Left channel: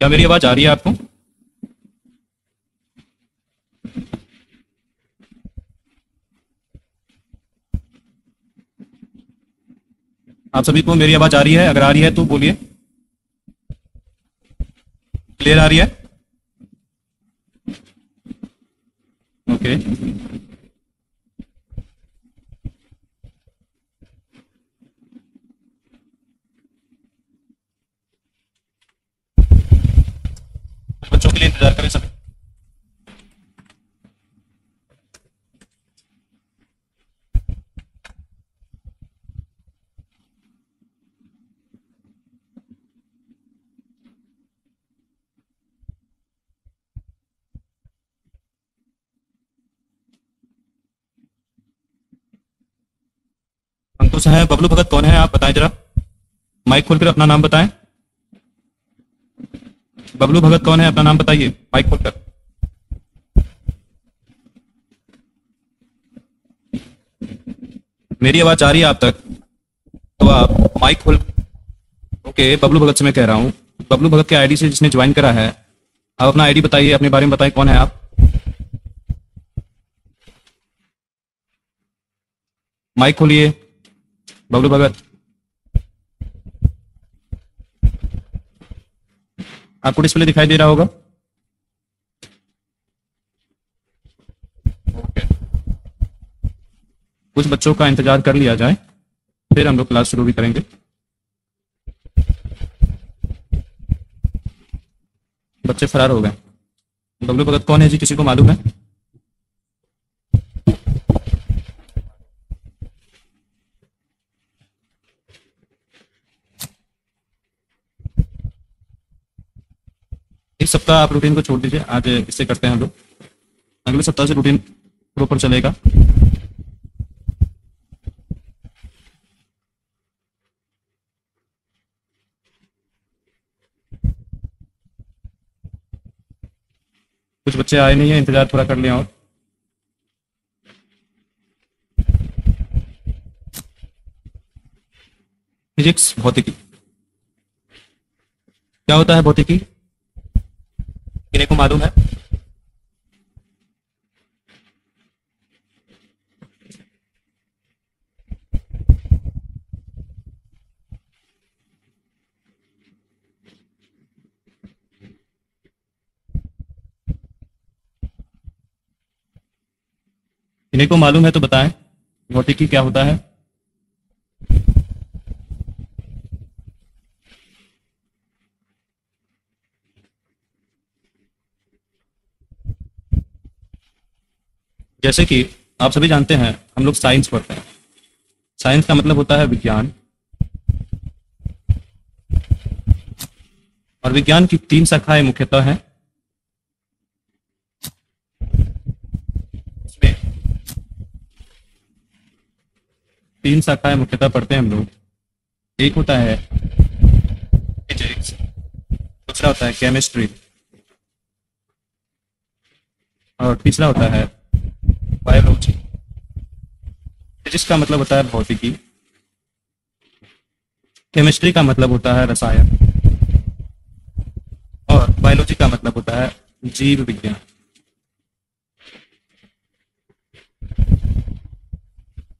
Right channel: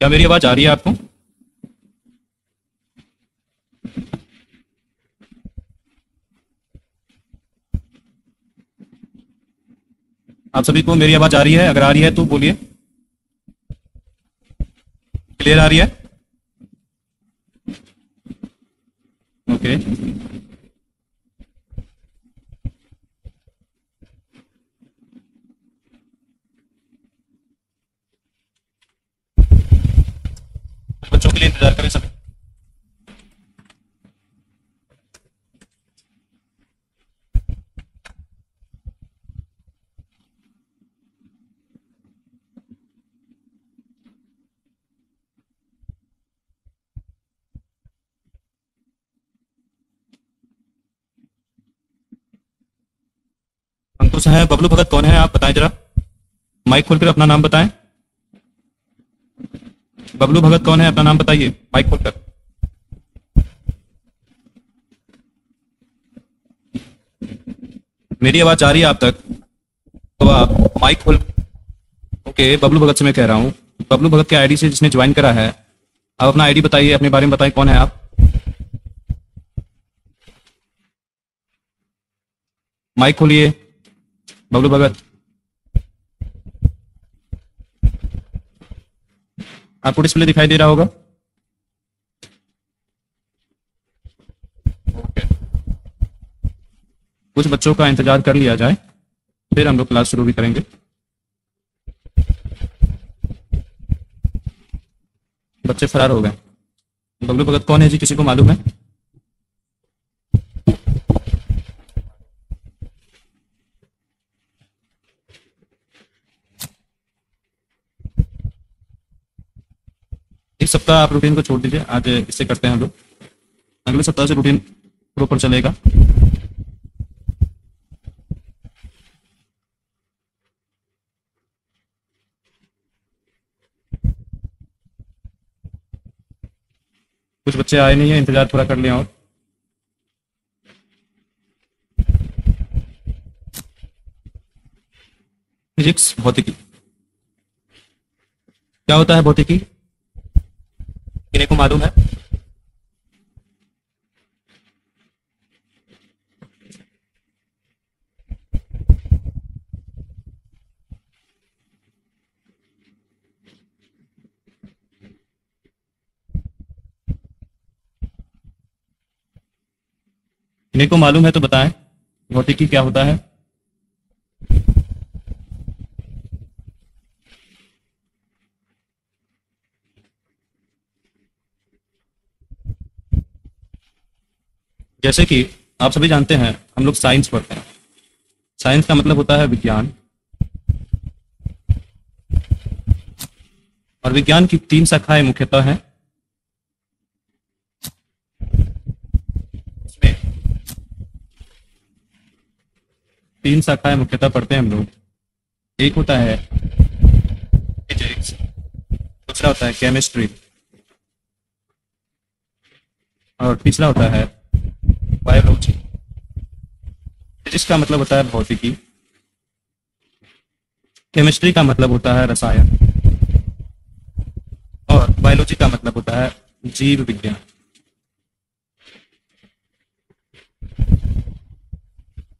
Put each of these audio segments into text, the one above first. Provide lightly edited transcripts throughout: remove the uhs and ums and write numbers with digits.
क्या मेरी आवाज आ रही है आपको? आप सभी को मेरी आवाज आ रही है? अगर आ रही है तो बोलिए। क्लियर आ रही है? ओके। बच्चों के लिए इंतजार करें सभी। संतोष है। बबलू भगत कौन है आप बताएं जरा। माइक खोलकर अपना नाम बताएं। बबलू भगत कौन है अपना नाम बताइए माइक खोलकर। मेरी आवाज आ रही है आप तक? तो आप माइक खोल। ओके, बबलू भगत से मैं कह रहा हूँ। बबलू भगत के आईडी से जिसने ज्वाइन करा है, आप अपना आईडी बताइए, अपने बारे में बताइए, कौन है आप? माइक खोलिए बबलू भगत। आपको डिस्प्ले दिखाई दे रहा होगा। ओके। कुछ बच्चों का इंतजार कर लिया जाए, फिर हम लोग क्लास शुरू भी करेंगे। बच्चे फरार हो गए। बबलू भगत कौन है जी, किसी को मालूम है? इस सप्ताह आप रूटीन को छोड़ दीजिए, आज इससे करते हैं हम लोग। अगले सप्ताह से रूटीन प्रॉपर चलेगा। कुछ बच्चे आए नहीं है, इंतजार पूरा कर लिया। और फिजिक्स भौतिकी, क्या होता है भौतिकी? किन्हीं को मालूम है? किन्हीं को मालूम है तो बताएं, भौतिकी क्या होता है? जैसे कि आप सभी जानते हैं, हम लोग साइंस पढ़ते हैं। साइंस का मतलब होता है विज्ञान। और विज्ञान की तीन शाखाएं मुख्यतः हैं। उसमें तीन शाखाएं मुख्यतः पढ़ते हैं हम लोग। एक होता है फिजिक्स, दूसरा होता है केमिस्ट्री, और तीसरा होता है बायोलॉजी। फिजिक्स का मतलब होता है भौतिकी, केमिस्ट्री का मतलब होता है रसायन, और बायोलॉजी का मतलब होता है जीव विज्ञान।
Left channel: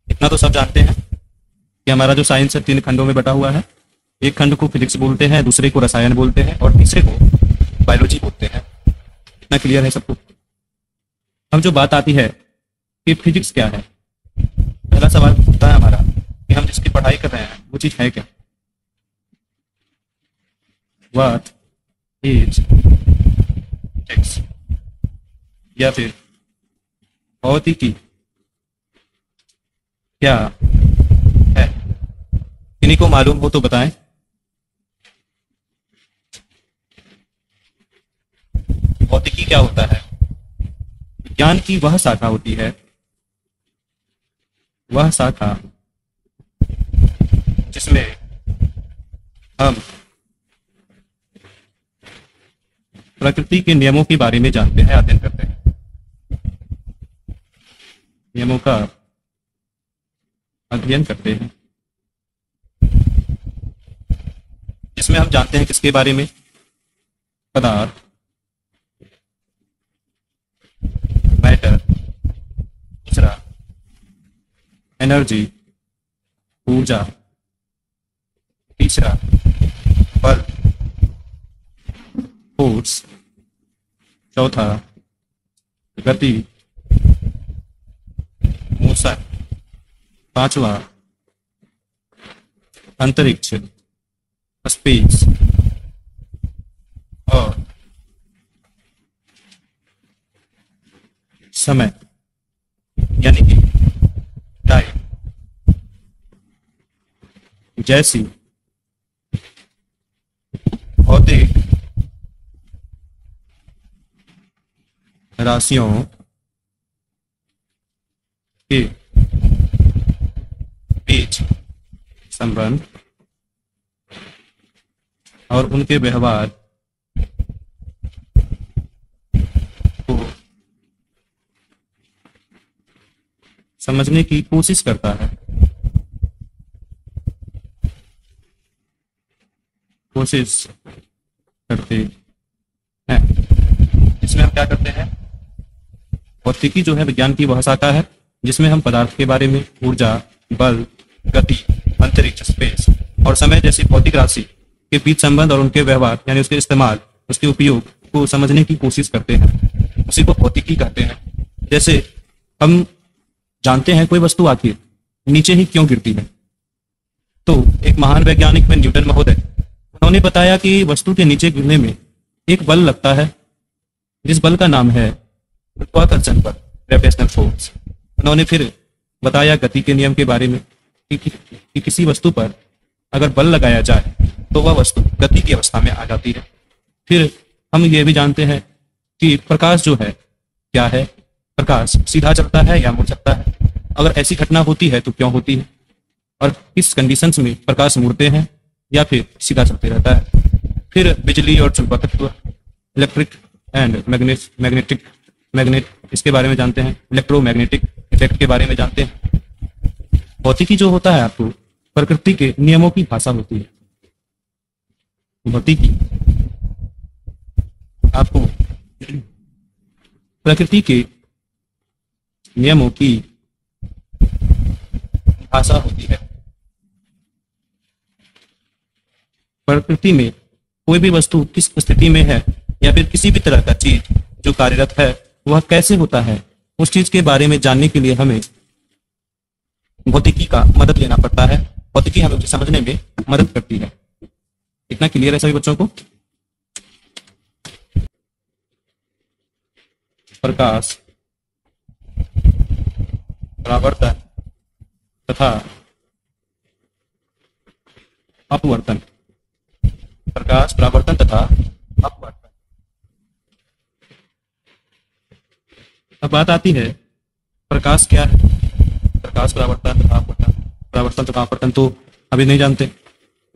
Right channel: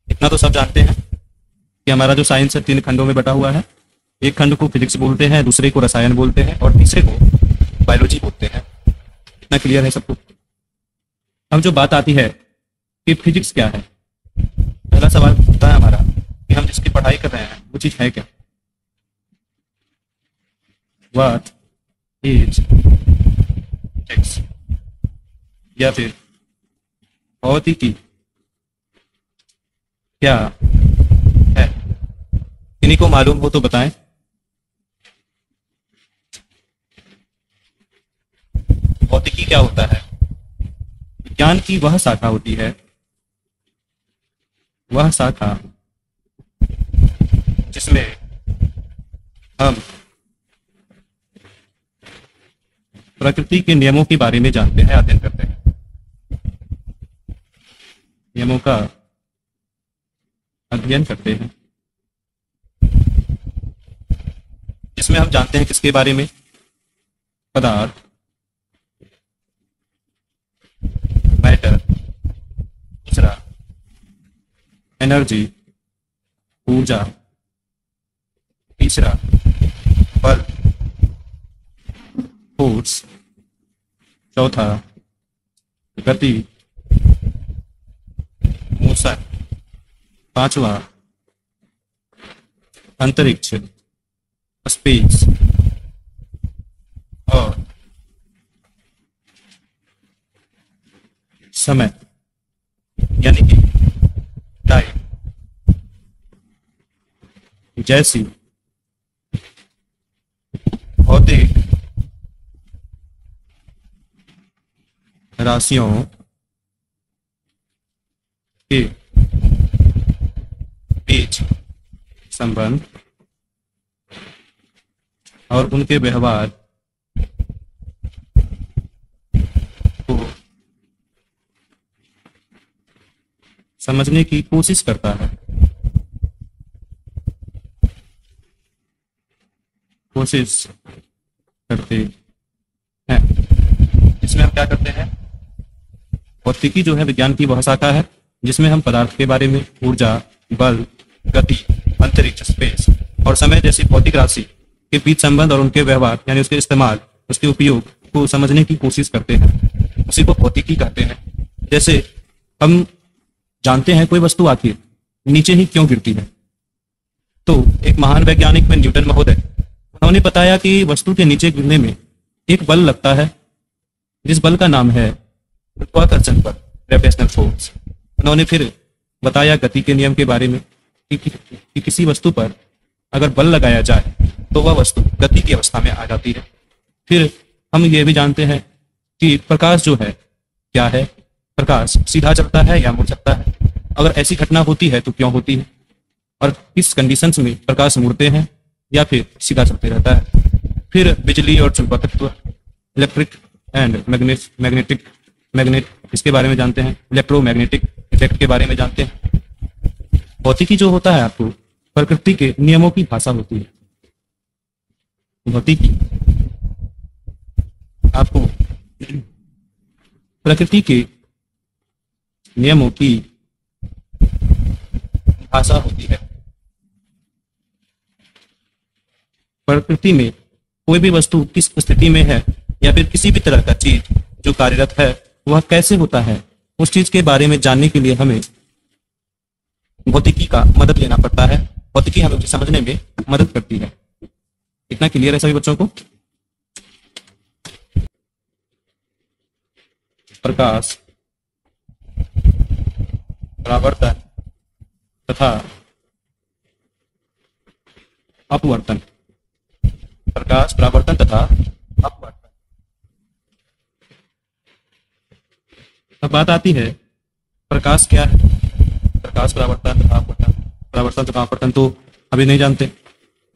इतना तो सब जानते हैं कि हमारा जो साइंस है तीन खंडों में बटा हुआ है। एक खंड को फिजिक्स बोलते हैं, दूसरे को रसायन बोलते हैं, और तीसरे को बायोलॉजी बोलते हैं। इतना क्लियर है सबको? अब जो बात आती है कि फिजिक्स क्या है, पहला सवाल होता है हमारा कि हम जिसकी पढ़ाई कर रहे हैं वो चीज है क्या? What is physics? या फिर भौतिकी क्या है? किन्हीं को मालूम हो तो बताएं। भौतिकी क्या होता है? विज्ञान की वह शाखा होती है, वह शाखा जिसमें हम प्रकृति के नियमों के बारे में जानते हैं, अध्ययन करते हैं। नियमों का अध्ययन करते हैं, जिसमें हम जानते हैं किसके बारे में? पदार्थ, मैटर, दूसरा एनर्जी, ऊर्जा, तीसरा बल, फोर्स, चौथा गति, मोशन, पांचवा अंतरिक्ष, स्पेस, और समय यानी कि टाइम। जैसी भौतिक राशियों के बीच संबंध और उनके व्यवहार को समझने की कोशिश करता है। कोशिश करते हैं। इसमें हम क्या करते हैं? भौतिकी जो है विज्ञान की वह शाखा है जिसमें हम पदार्थ के बारे में, ऊर्जा, बल, गति, अंतरिक्ष, स्पेस और समय जैसी भौतिक राशि के बीच संबंध और उनके व्यवहार यानी उसके इस्तेमाल, उसके उपयोग को समझने की कोशिश करते हैं। उसी को भौतिकी कहते हैं। जैसे हम जानते हैं कोई वस्तु आखिर नीचे ही क्यों गिरती है, तो एक महान वैज्ञानिक में न्यूटन महोदय, उन्होंने बताया कि वस्तु के नीचे गिरने में एक बल लगता है जिस बल का नाम है गुरुत्वाकर्षण बल, ग्रेविटेशनल फोर्स। उन्होंने फिर बताया गति के नियम के बारे में कि किसी वस्तु पर अगर बल लगाया जाए तो वह वस्तु गति की अवस्था में आ जाती है। फिर हम ये भी जानते हैं कि प्रकाश जो है क्या है, प्रकाश सीधा चलता है या मुड़ सकता है, अगर ऐसी घटना होती है तो क्यों होती है, और किस कंडीशंस में प्रकाश मुड़ते हैं या फिर सीधा चलते रहता है। फिर बिजली और चुंबकत्व, इलेक्ट्रिक एंड मैग्नेट इसके बारे में जानते हैं, इलेक्ट्रोमैग्नेटिक इफेक्ट के बारे में जानते हैं। भौतिकी जो होता है आपको प्रकृति के नियमों की भाषा होती है। भौतिकी आपको प्रकृति के नियमों की भाषा होती है। प्रकृति में कोई भी वस्तु किस स्थिति में है या फिर किसी भी तरह का चीज जो कार्यरत है वह कैसे होता है, उस चीज के बारे में जानने के लिए हमें भौतिकी का मदद लेना पड़ता है। भौतिकी हमें उसे समझने में मदद करती है। इतना क्लियर है सभी बच्चों को? प्रकाश, परावर्तन तथा अपवर्तन, प्रकाश, परावर्तन तथा अपवर्तन। अब बात आती है प्रकाश क्या है? प्रकाश, परावर्तन तथा अपवर्तन। परावर्तन तथा अपवर्तन तो अभी नहीं जानते,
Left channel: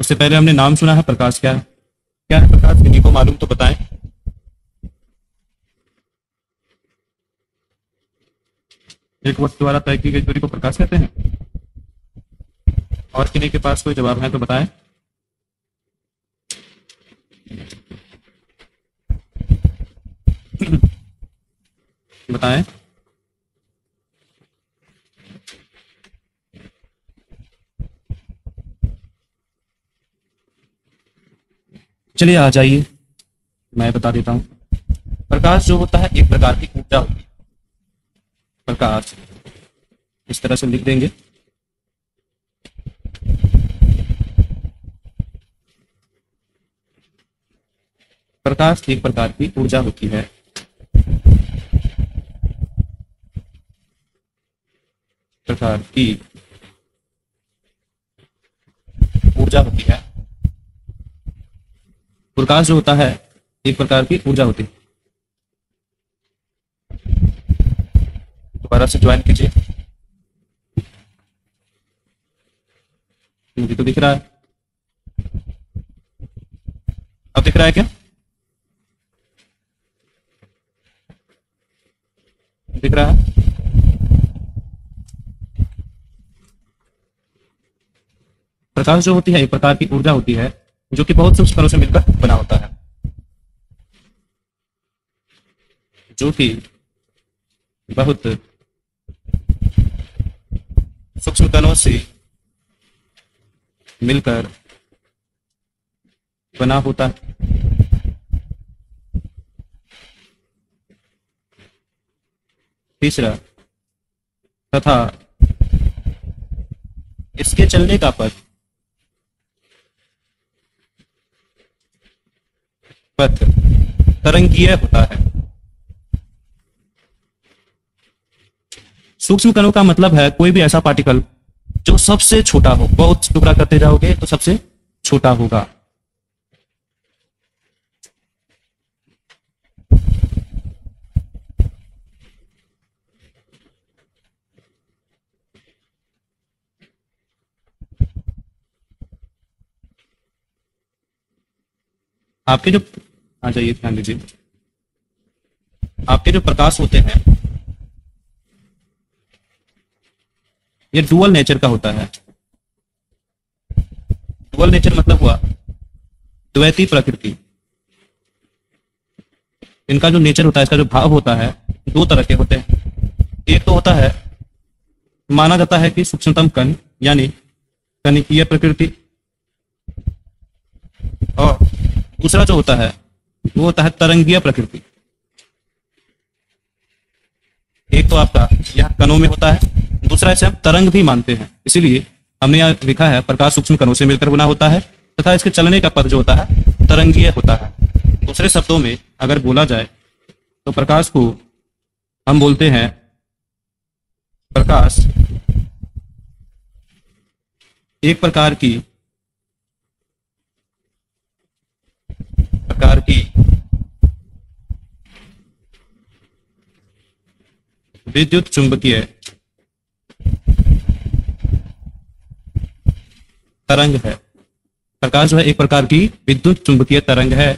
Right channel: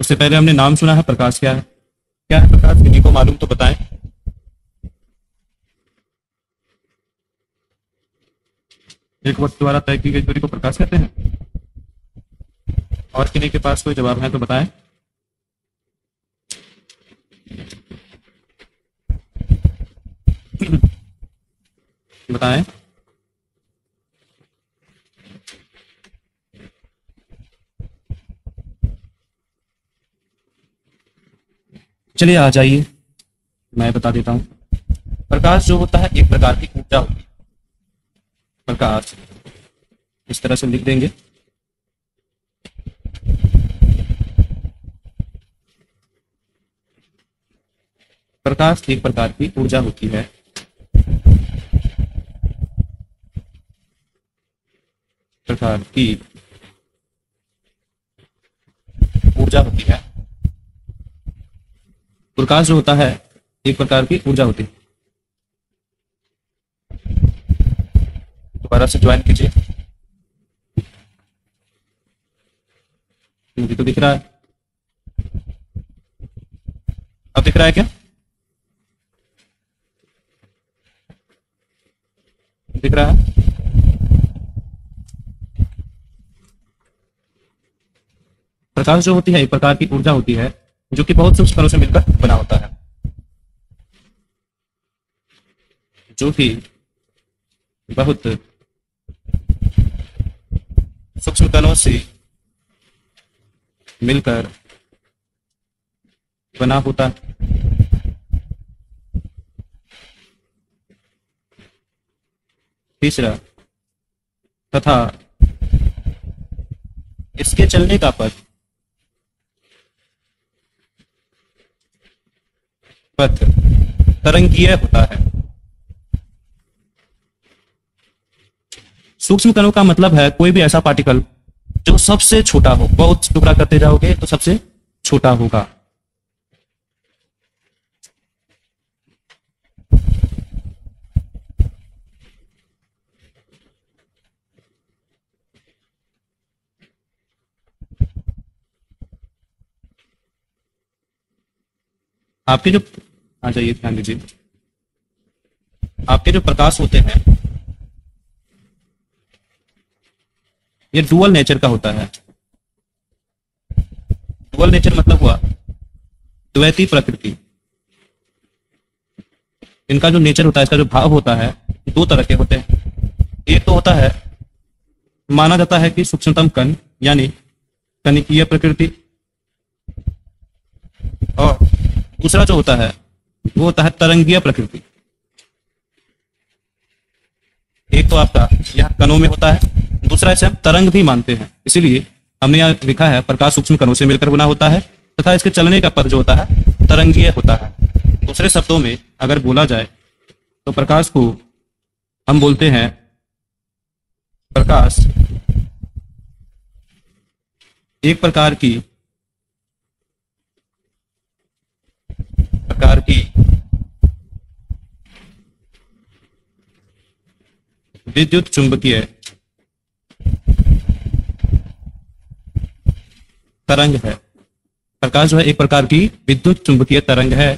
उससे पहले हमने नाम सुना है। प्रकाश क्या है? क्या है प्रकाश? किसी को मालूम तो बताएं। एक वस्तु द्वारा तय की गई दूरी को प्रकाश कहते हैं। और किसी के पास कोई जवाब है तो बताएं। बताएं। चलिए आ जाइए, मैं बता देता हूं। प्रकाश जो होता है एक प्रकार की ऊर्जा होती है। प्रकाश इस तरह से लिख देंगे। प्रकाश एक प्रकार की ऊर्जा होती है। प्रकार की ऊर्जा होती है। प्रकाश जो होता है एक प्रकार की ऊर्जा होती है। दोबारा से ज्वाइन कीजिए। मुझे तो दिख रहा है। अब दिख रहा है क्या? दिख रहा है? प्रकाश जो होती है एक प्रकार की ऊर्जा होती है जो कि बहुत से उपकरणों से मिलकर बना होता है। जो कि बहुत सूक्ष्म कणों से मिलकर बना होता है। तीसरा, तथा इसके चलने का पथ तरंगीय होता है। सूक्ष्म कणों का मतलब है कोई भी ऐसा पार्टिकल जो सबसे छोटा हो। बहुत टुकड़ा करते जाओगे तो सबसे छोटा होगा। आपके जो आ जाइए, ध्यान दीजिए, आपके जो प्रकाश होते हैं ये डुअल नेचर का होता है। डुअल नेचर मतलब हुआ द्वैती प्रकृति। इनका जो नेचर होता है, इसका जो भाव होता है, दो तरह के होते हैं। एक तो होता है, माना जाता है कि सूक्ष्मतम कण यानी कणिकीय प्रकृति, और दूसरा जो होता है वो होता है तरंगीय प्रकृति। एक तो आपका यह कणों में होता है, दूसरा इसे हम तरंग भी मानते हैं। इसीलिए हमने यहाँ लिखा है प्रकाश सूक्ष्म कणों से मिलकर बना होता है तथा इसके चलने का पथ जो होता है तरंगीय होता है। दूसरे शब्दों में अगर बोला जाए तो प्रकाश को हम बोलते हैं प्रकाश एक प्रकार की विद्युत चुंबकीय तरंग है। प्रकाश जो है एक प्रकार की विद्युत चुंबकीय तरंग है।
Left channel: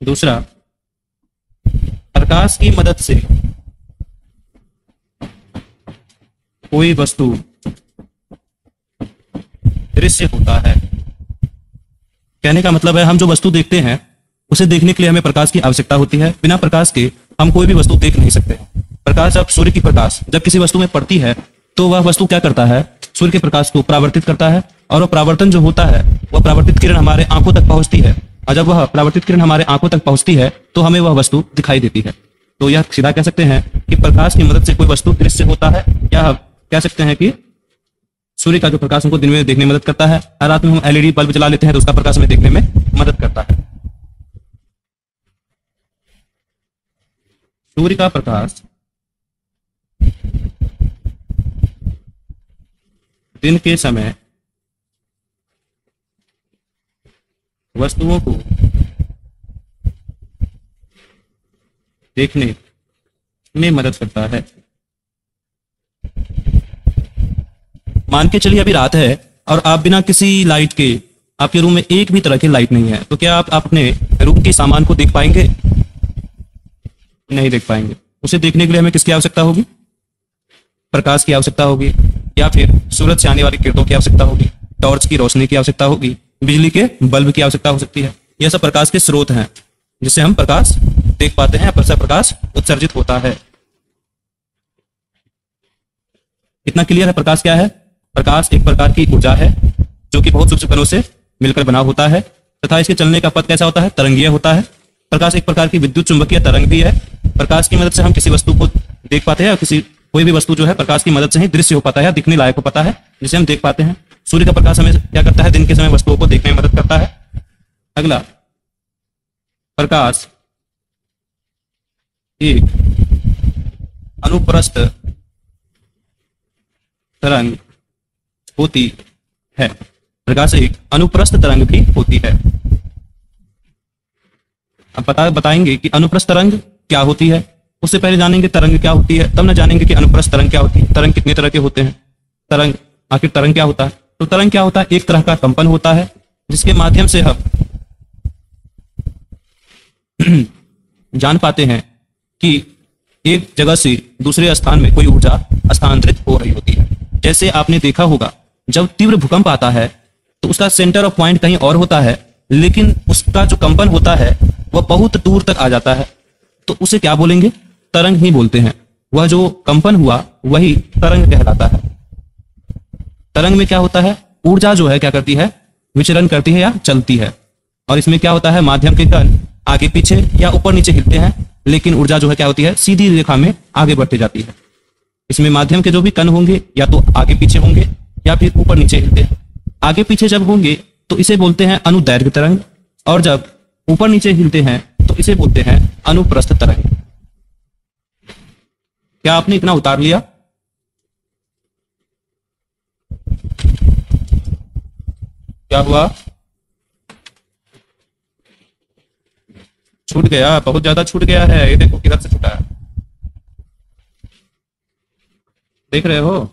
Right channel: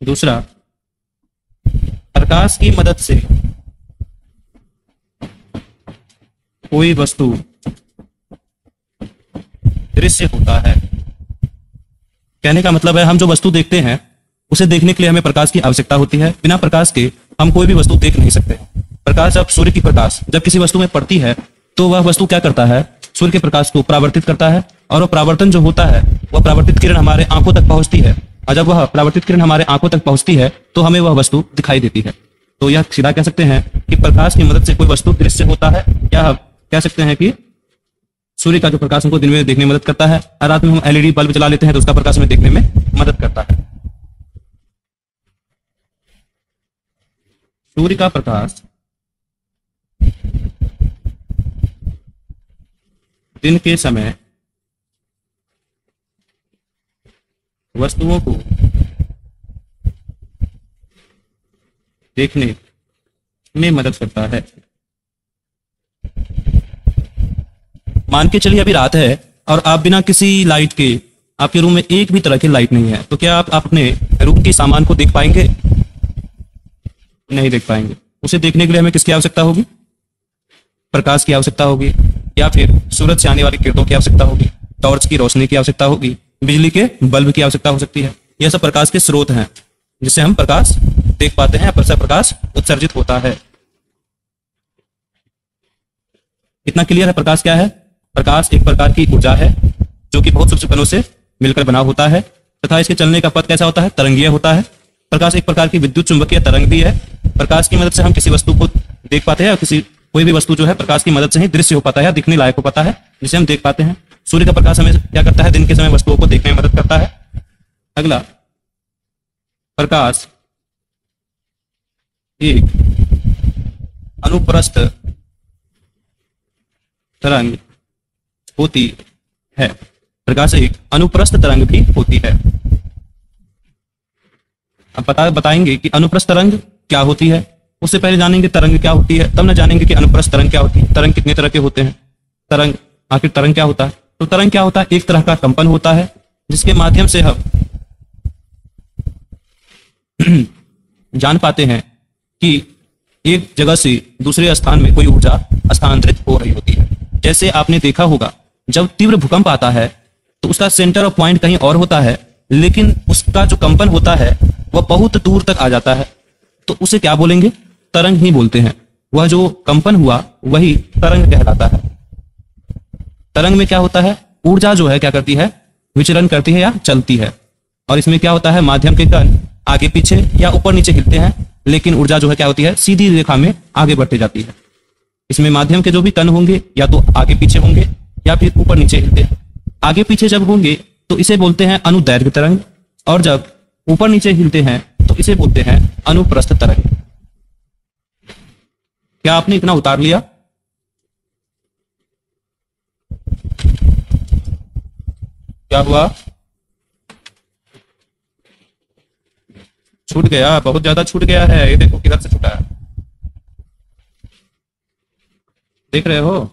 दूसरा, प्रकाश की मदद से कोई वस्तु दृश्य होता है। कहने का मतलब है हम जो वस्तु देखते हैं उसे देखने के लिए हमें प्रकाश की आवश्यकता होती है। बिना प्रकाश के हम कोई भी वस्तु देख नहीं सकते। प्रकाश जब सूर्य की प्रकाश जब किसी वस्तु में पड़ती है तो वह वस्तु क्या करता है, सूर्य के प्रकाश को परावर्तित करता है, और वह परावर्तन जो होता है वह परावर्तित किरण हमारे आंखों तक पहुंचती है। और जब वह परावर्तित किरण हमारे आंखों तक पहुंचती है तो हमें वह वस्तु दिखाई देती है। तो यह सीधा कह सकते हैं कि प्रकाश की मदद से कोई वस्तु दृश्य होता है, या कह सकते हैं कि सूर्य का जो प्रकाश हमको दिन में देखने में मदद करता है। हर रात में हम एलईडी बल्ब जला लेते हैं तो उसका प्रकाश हमें देखने में मदद करता है। सूर्य का प्रकाश दिन के समय वस्तुओं को देखने में मदद करता है। मान के चलिए अभी रात है और आप बिना किसी लाइट के, आपके रूम में एक भी तरह की लाइट नहीं है, तो क्या आप अपने रूम के सामान को देख पाएंगे? नहीं देख पाएंगे। उसे देखने के लिए हमें किसकी आवश्यकता होगी? प्रकाश की आवश्यकता होगी, या फिर सूरज से आने वाली किरणों की आवश्यकता होगी, टॉर्च की रोशनी की आवश्यकता होगी, बिजली के बल्ब की आवश्यकता हो सकती है। यह सब प्रकाश के स्रोत हैं जिससे हम प्रकाश देख पाते हैं, पर प्रकाश उत्सर्जित होता है। इतना क्लियर है प्रकाश क्या है? प्रकाश एक प्रकार की ऊर्जा है जो कि बहुत सूक्ष्म कणों से मिलकर बना होता है तथा इसके चलने का पथ कैसा होता है? तरंगीय होता है। प्रकाश एक प्रकार की विद्युत चुंबकीय तरंग भी है। प्रकाश की मदद से हम किसी वस्तु को देख पाते हैं, और कोई भी वस्तु जो है प्रकाश की मदद से ही दृश्य हो पाता है, दिखने लायक हो पाता है, जिसे हम देख पाते हैं। सूर्य का प्रकाश हमें क्या करता है? दिन के समय वस्तुओं को देखने में मदद करता है। अगला, प्रकाश एक अनुप्रस्थ तरंग होती है। प्रकाश एक अनुप्रस्थ तरंग भी होती है। अब बताएंगे कि अनुप्रस्थ तरंग क्या होती है। उससे पहले जानेंगे तरंग क्या होती है, तब न जानेंगे कि अनुप्रस्थ तरंग क्या होती है। तरंग कितने तरह के होते हैं? तरंग, आखिर तरंग क्या होता है? तो तरंग क्या होता है? एक तरह का कंपन होता है जिसके माध्यम से हम जान पाते हैं कि एक जगह से दूसरे स्थान में कोई ऊर्जा स्थानांतरित हो रही होती है। जैसे आपने देखा होगा जब तीव्र भूकंप आता है तो उसका सेंटर ऑफ पॉइंट कहीं और होता है, लेकिन उसका जो कंपन होता है वह बहुत दूर तक आ जाता है, तो उसे क्या बोलेंगे? तरंग ही बोलते हैं। वह जो कंपन हुआ वही तरंग कहलाता है। तरंग में क्या होता है? ऊर्जा जो है क्या करती है? विचलन करती है या चलती है। और इसमें क्या होता है? माध्यम के कण आगे पीछे या ऊपर नीचे हिलते हैं, लेकिन ऊर्जा जो है क्या होती है? सीधी रेखा में आगे बढ़ती जाती है। इसमें माध्यम के जो भी कण होंगे या तो आगे पीछे होंगे या फिर ऊपर नीचे हिलते हैं। आगे पीछे जब होंगे तो इसे बोलते हैं अनुदैर्घ्य तरंग, और जब ऊपर नीचे हिलते हैं तो इसे बोलते हैं अनुप्रस्थ तरंग। क्या आपने इतना उतार लिया? क्या हुआ? छूट गया, बहुत ज्यादा छूट गया है। ये देखो किधर से छूटा है, देख रहे हो?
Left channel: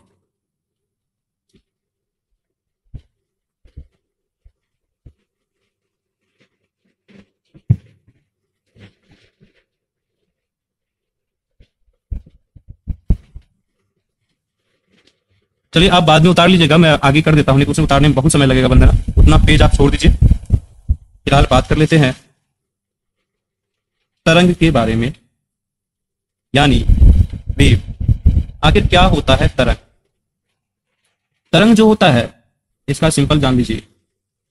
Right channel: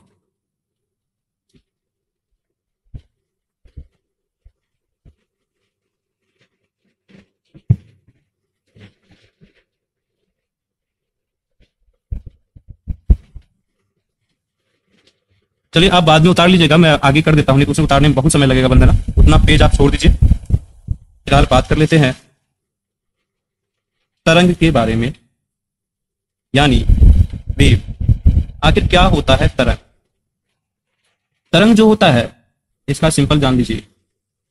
चलिए आप बाद में उतार लीजिएगा, मैं आगे कर देता हूँ, लेकिन उसे उतारने में बहुत समय लगेगा बंदना। उतना पेज आप छोड़ दीजिए। फिलहाल बात कर लेते हैं तरंग के बारे में, यानी वेव। आखिर क्या होता है तरंग? तरंग जो होता है इसका सिंपल जान लीजिए।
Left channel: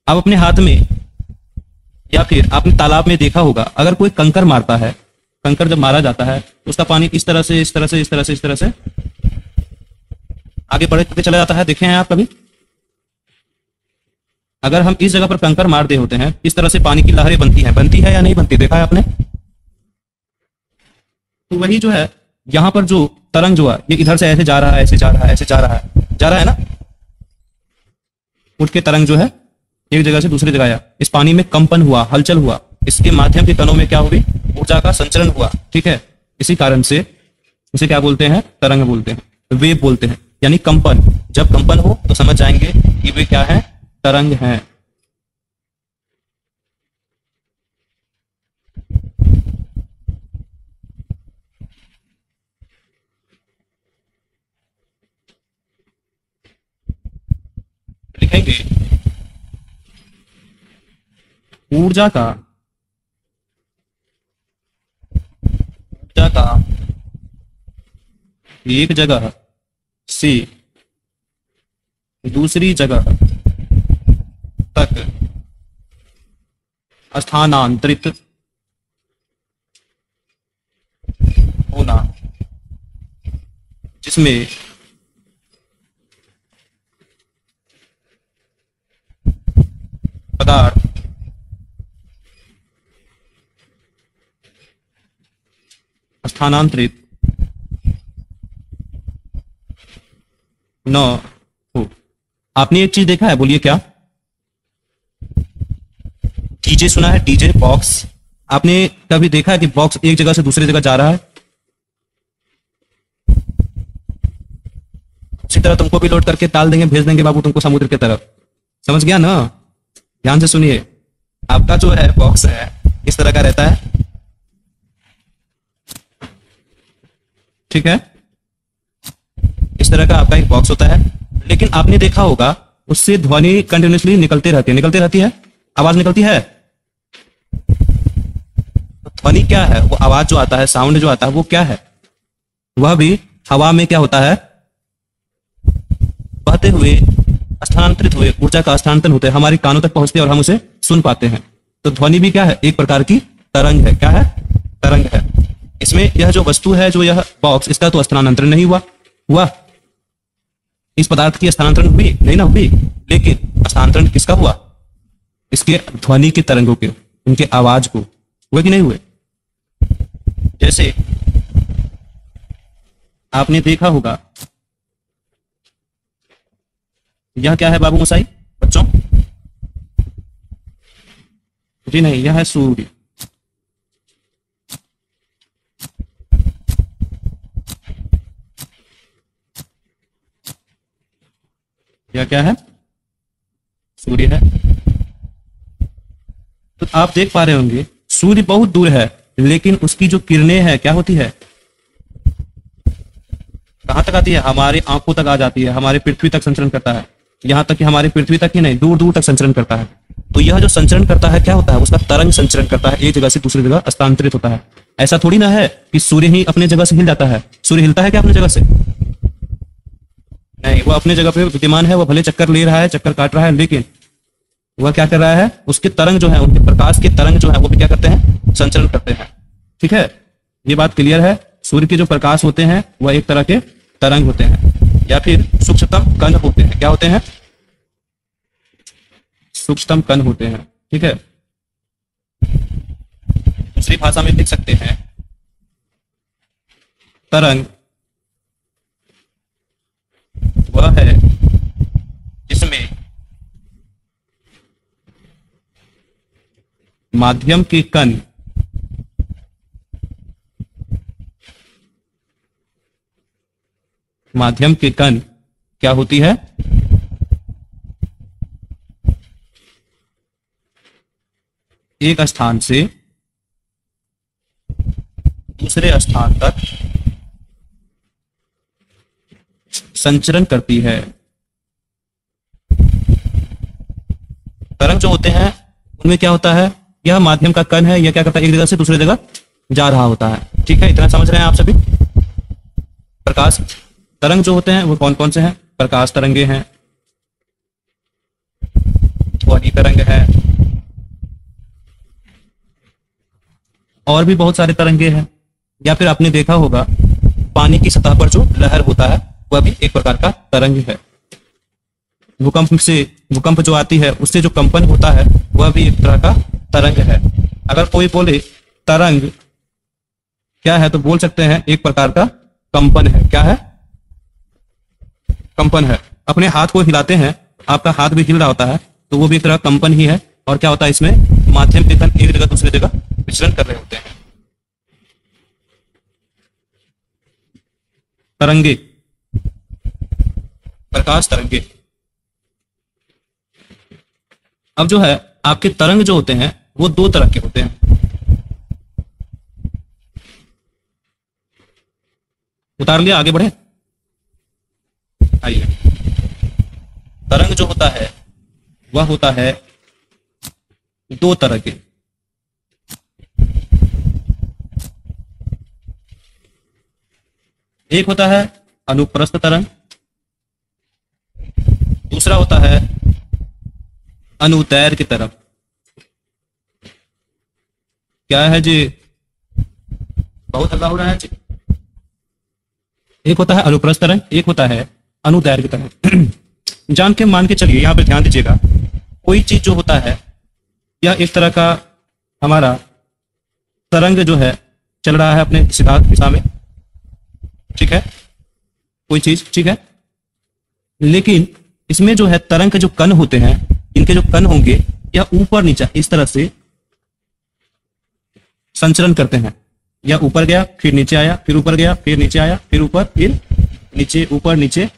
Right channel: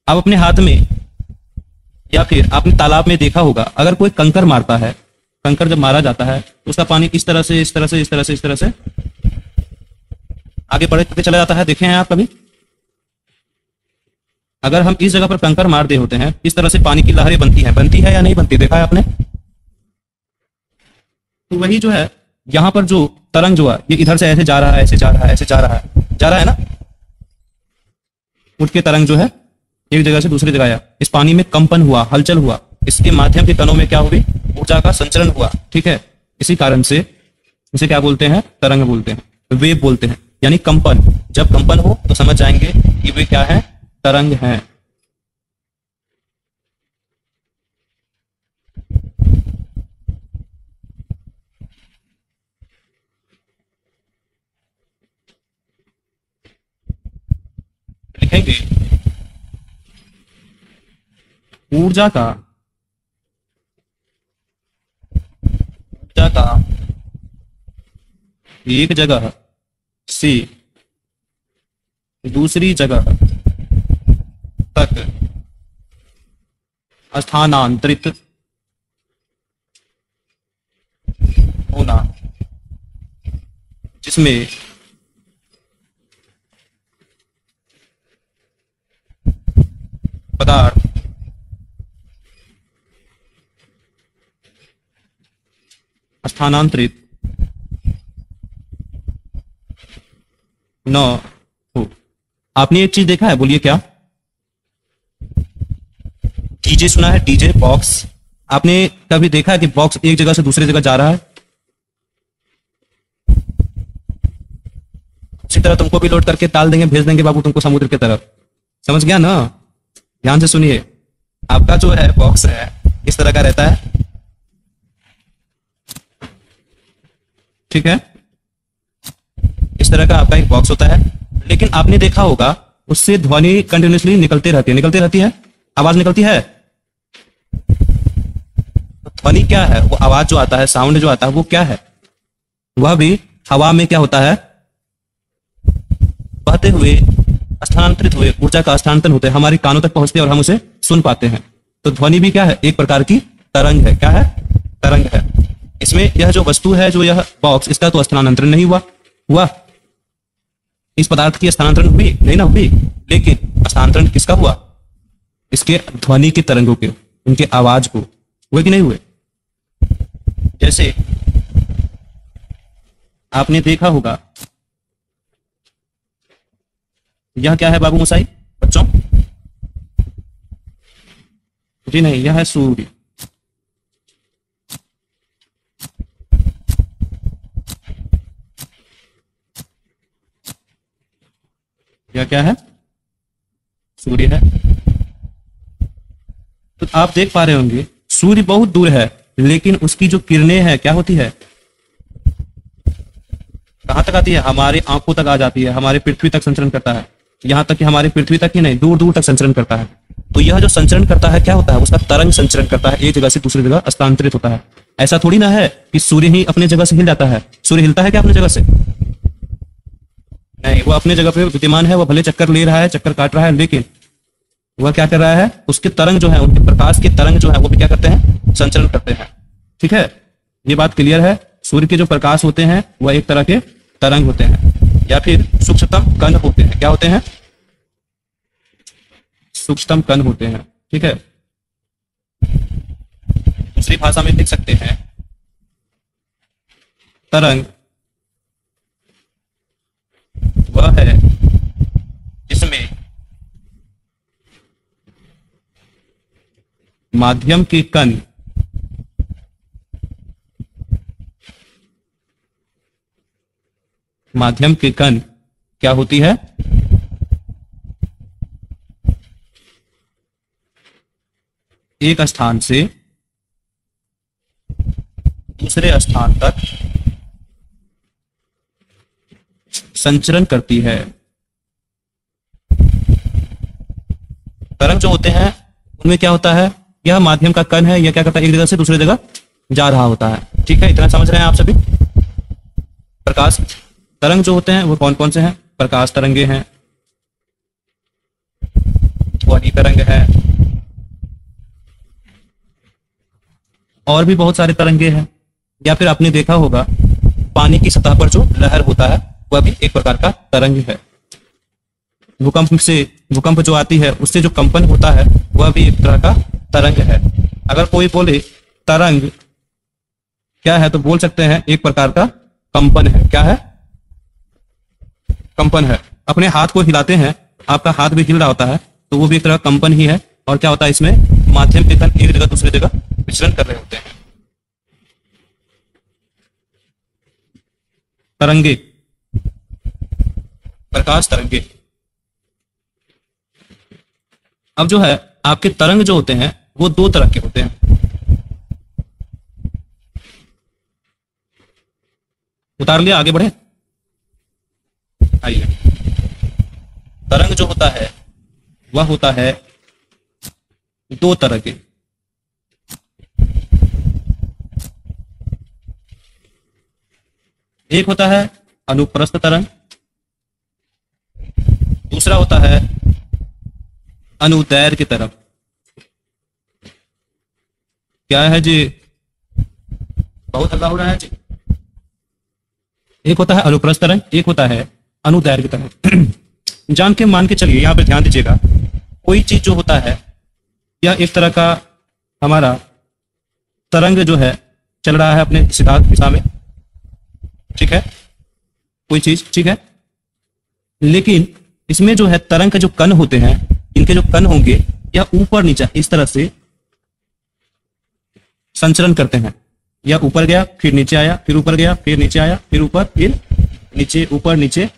आप अपने हाथ में या फिर आपने तालाब में देखा होगा, अगर कोई कंकर मारता है, कंकर जब मारा जाता है उसका पानी इस तरह से इस तरह से इस तरह से इस तरह से आगे बढ़ते चला जाता है। देखे हैं आप कभी? अगर हम इस जगह पर कंकर मार दे होते हैं, इस तरह से पानी की लहरें बनती है या नहीं बनती? देखा है आपने? तो वही जो है यहां पर जो तरंग जो है ये इधर से ऐसे जा रहा है, ऐसे जा रहा है, ऐसे जा रहा है ना। उठ के तरंग जो है एक जगह से दूसरी जगह आया, इस पानी में कंपन हुआ, हलचल हुआ, इसके माध्यम के कणों में क्या हुई? ऊर्जा का संचरण हुआ। ठीक है, इसी कारण से इसे क्या बोलते हैं? तरंग बोलते हैं, वेव बोलते हैं, यानी कंपन। जब कंपन हो तो समझ जाएंगे कि वे क्या है? तरंग है। लिखेंगे ऊर्जा का एक जगह से दूसरी जगह तक स्थानांतरित होना, जिसमें पदार्थ स्थानांतरित न हो। आपने एक चीज देखा है? बोलिए क्या? डीजे सुना है? DJ box. आपने कभी देखा है कि बॉक्स एक जगह से दूसरी जगह जा रहा है? उसी तरह तुमको भी लोड करके ताल देंगे, भेज देंगे बाबू तुमको समुद्र की तरफ। समझ गया ना? ध्यान से सुनिए। आपका जो है बॉक्स है किस तरह का रहता है? ठीक है, इस तरह का आपका एक बॉक्स होता है, लेकिन आपने देखा होगा उससे ध्वनि कंटिन्यूसली निकलती रहती है, आवाज निकलती है। ध्वनि क्या है? वो आवाज जो आता है, साउंड जो आता है, वो क्या है? वह भी हवा में क्या होता है? बहते हुए, स्थानांतरित हुए, ऊर्जा का स्थानांतरण होते हैं, हमारे कानों तक पहुंचते हैं और हम उसे सुन पाते हैं। तो ध्वनि भी क्या है? एक प्रकार की तरंग है। क्या है? तरंग है। इसमें यह जो वस्तु है, जो यह बॉक्स, इसका तो स्थानांतरण नहीं हुआ। इस पदार्थ की स्थानांतरण हुई नहीं ना हुई, लेकिन स्थानांतरण किसका हुआ? इसके ध्वनि के तरंगों के, उनके आवाज को हुए कि नहीं हुए? जैसे आपने देखा होगा, यह क्या है बाबू मोसाई बच्चों? जी नहीं, यह है सूर्य। क्या है? सूर्य है। तो आप देख पा रहे होंगे सूर्य बहुत दूर है, लेकिन उसकी जो किरणें है क्या होती है? कहां तक आती है? हमारे आंखों तक आ जाती है, हमारे पृथ्वी तक संचरण करता है। यहाँ तक कि हमारे पृथ्वी तक ही नहीं, दूर दूर तक संचरण करता है। तो यह जो संचरण करता है क्या होता है, उसका तरंग संचरण करता है, एक जगह से दूसरी जगह स्थानांतरित होता है। ऐसा थोड़ी ना है कि सूर्य ही अपने जगह से हिल जाता है। सूर्य हिलता है क्या अपनी जगह से? नहीं, वो अपनी जगह पे विद्यमान है। वो भले चक्कर ले रहा है, चक्कर काट रहा है, लेकिन वह क्या कर रहा है, उसके तरंग जो है, उनके प्रकाश के तरंग जो है वो भी क्या करते हैं, संचरण करते हैं। ठीक है, ये बात क्लियर है। सूर्य के जो प्रकाश होते हैं वह एक तरह के तरंग होते हैं, या फिर सूक्ष्मतम कण होते हैं। क्या होते हैं? सूक्ष्मतम कण होते हैं। ठीक है, दूसरी भाषा में लिख सकते हैं तरंग वह है जिसमें माध्यम के कण क्या होती है, एक स्थान से दूसरे स्थान तक संचरण करती है। तरंग जो होते हैं उनमें क्या होता है, यह माध्यम का कण है, यह क्या करता है, एक जगह से दूसरी जगह जा रहा होता है। ठीक है, इतना समझ रहे हैं आप सभी? प्रकाश तरंग जो होते हैं वो कौन कौन से हैं? प्रकाश तरंगे हैं, ध्वनि तरंग है, और भी बहुत सारे तरंगे हैं। या फिर आपने देखा होगा पानी की सतह पर जो लहर होता है वह भी एक प्रकार का तरंग है। भूकंप जो आती है उससे जो कंपन होता है वह भी एक तरह का तरंग है। अगर कोई बोले तरंग क्या है तो बोल सकते हैं एक प्रकार का कंपन है। क्या है? कंपन है। अपने हाथ को हिलाते हैं, आपका हाथ भी हिल रहा होता है, तो वो भी एक तरह कंपन ही है। और क्या होता है इसमें, माध्यम के कण एक जगह दूसरी जगह विचरण कर रहे होते हैं। तरंगे, प्रकाश तरंगे। अब जो है आपके तरंग जो होते हैं वो दो तरह के होते हैं। उतार लिया, आगे बढ़े। आइए, तरंग जो होता है वह होता है दो तरह के। एक होता है अनुप्रस्थ तरंग, दूसरा होता है अनुदैर्घ्य की तरफ। क्या है जी? बहुत हल्ला हो रहा है जी। एक होता है अनुप्रस्थ तरंग, एक होता है अनुदैर्घ्य तरंग। जान के मान के चलिए, यहां पे ध्यान दीजिएगा, कोई चीज जो होता है या एक तरह का हमारा तरंग जो है चल रहा है अपने सिद्धांत दिशा में, ठीक है, कोई चीज, ठीक है, लेकिन इसमें जो है तरंग के जो कण होते हैं, इनके जो कण होंगे या ऊपर नीचे इस तरह से संचरण करते हैं। या ऊपर गया फिर नीचे आया, फिर ऊपर गया फिर नीचे आया, फिर ऊपर फिर नीचे, ऊपर नीचे।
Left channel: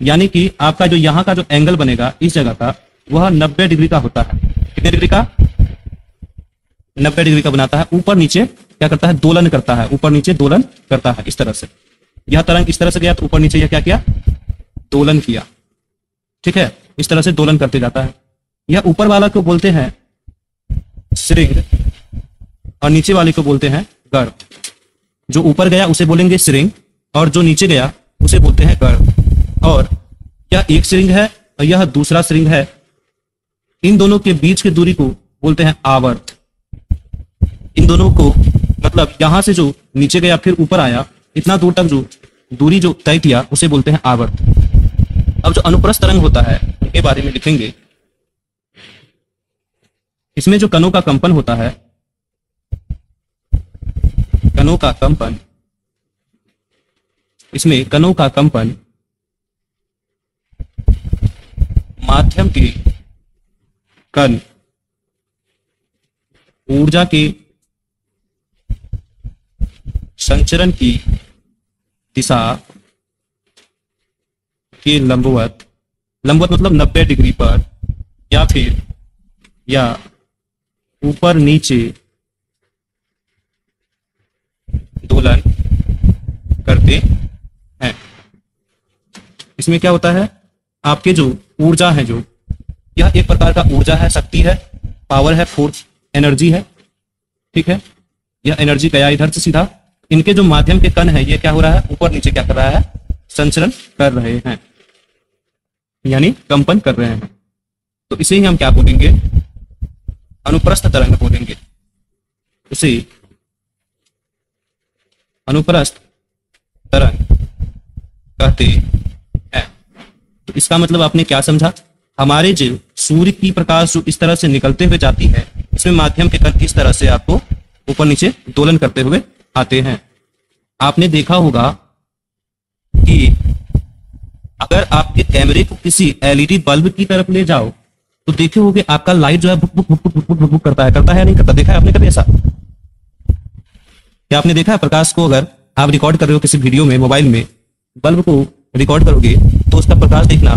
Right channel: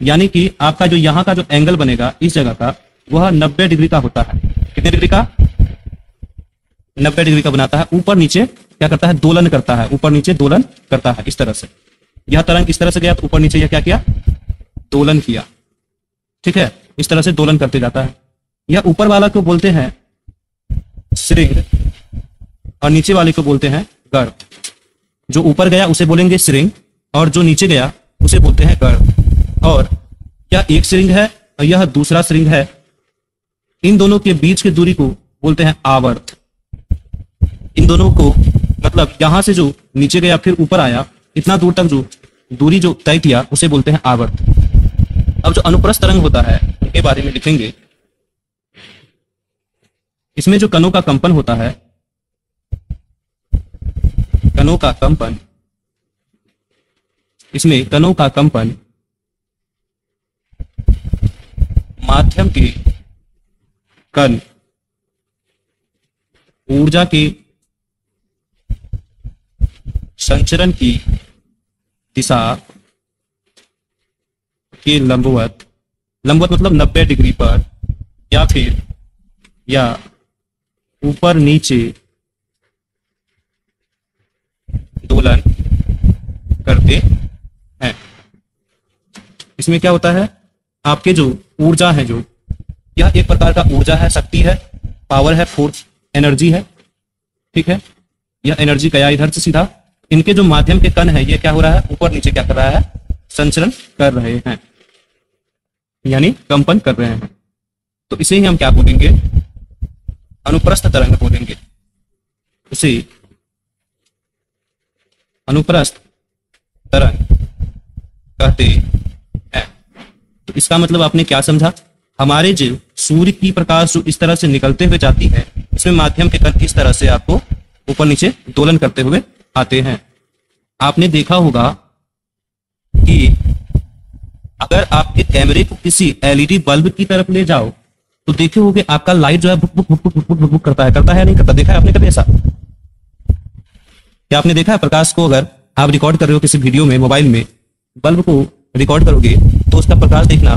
यानी कि आपका जो यहाँ का जो एंगल बनेगा इस जगह का वह 90 डिग्री का होता है। कितने डिग्री का? 90 डिग्री का बनाता है। ऊपर नीचे क्या करता है? दोलन करता है, ऊपर नीचे दोलन करता है इस तरह से। यह तरंग इस तरह से गया तो ऊपर नीचे यह क्या किया? दोलन किया। ठीक है, इस तरह से दोलन करते जाता है। यह ऊपर वाला को बोलते हैं श्रृंग और नीचे वाले को बोलते हैं गण। जो ऊपर गया उसे बोलेंगे श्रृंग और जो नीचे गया उसे बोलते हैं गण। और यह एक श्रृंग है और यह दूसरा श्रृंग है। इन दोनों के बीच की दूरी को बोलते हैं आवर्त। इन दोनों को मतलब यहां से जो नीचे गया फिर ऊपर आया, इतना दूर तक जो दूरी जो तय किया उसे बोलते हैं आवर्त। अब जो अनुप्रस्थ तरंग होता है उसके बारे में लिखेंगे। इसमें जो कणों का कंपन होता है, कणों का कंपन, इसमें कणों का कंपन माध्यम के कण ऊर्जा के संचरण की दिशा के लंबवत, लंबवत मतलब 90 डिग्री पर या फिर या ऊपर नीचे दोलन करते हैं। इसमें क्या होता है? आपके जो ऊर्जा है, जो यह एक प्रकार का ऊर्जा है, शक्ति है, पावर है, फोर्स, एनर्जी है, ठीक है। यह एनर्जी गया इधर से सीधा, इनके जो माध्यम के कण है ये क्या हो रहा है, ऊपर नीचे क्या कर रहा है, संचरण कर रहे हैं, यानी कंपन कर रहे हैं। तो इसे ही हम क्या बोलेंगे, अनुप्रस्थ तरंग बोलेंगे। इसे अनुप्रस्थ तरंग कहते हैं। तो इसका मतलब आपने क्या समझा, हमारे जो सूर्य की प्रकाश जो इस तरह से निकलते हुए जाती है, इसमें माध्यम के कण किस तरह से आपको ऊपर नीचे दोलन करते हुए आते हैं। आपने देखा होगा कि अगर आपके कैमरे को किसी एलईडी बल्ब की तरफ ले जाओ तो देखे होगे आपका लाइट जो है भुक भुक भुक भुक भुक भुक करता है नहीं करता, देखा है आपने कभी ऐसा? क्या आपने देखा है प्रकाश को, अगर आप रिकॉर्ड कर रहे हो किसी वीडियो में, मोबाइल में बल्ब को रिकॉर्ड करोगे तो उसका प्रकाश देखना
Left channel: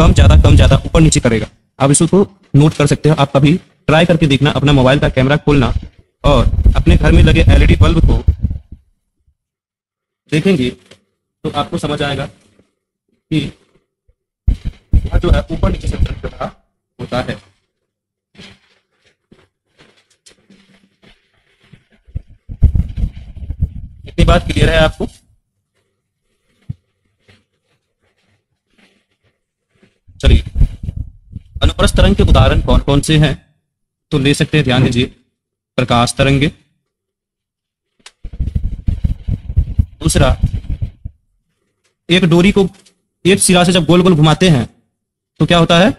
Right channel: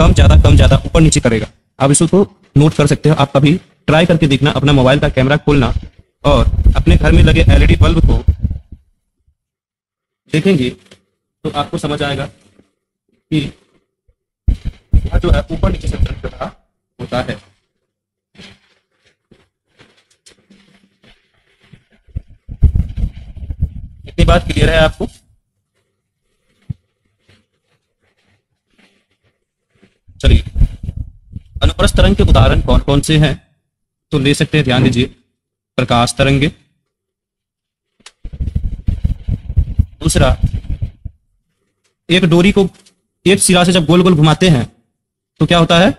कम ज्यादा ऊपर नीचे करेगा। आप इसको नोट कर सकते हो, आप कभी ट्राई करके देखना, अपना मोबाइल का कैमरा खोलना और अपने घर में लगे एलईडी बल्ब को देखेंगे तो आपको समझ आएगा कि जो है ऊपर नीचे से होता है। इतनी बात क्लियर है आपको? चलिए, अनुप्रस्थ तरंग के उदाहरण कौन कौन से हैं तो ले सकते हैं, ध्यान दीजिए। प्रकाश तरंगे, दूसरा एक डोरी को एक सिरा से जब गोल गोल घुमाते हैं तो क्या होता है,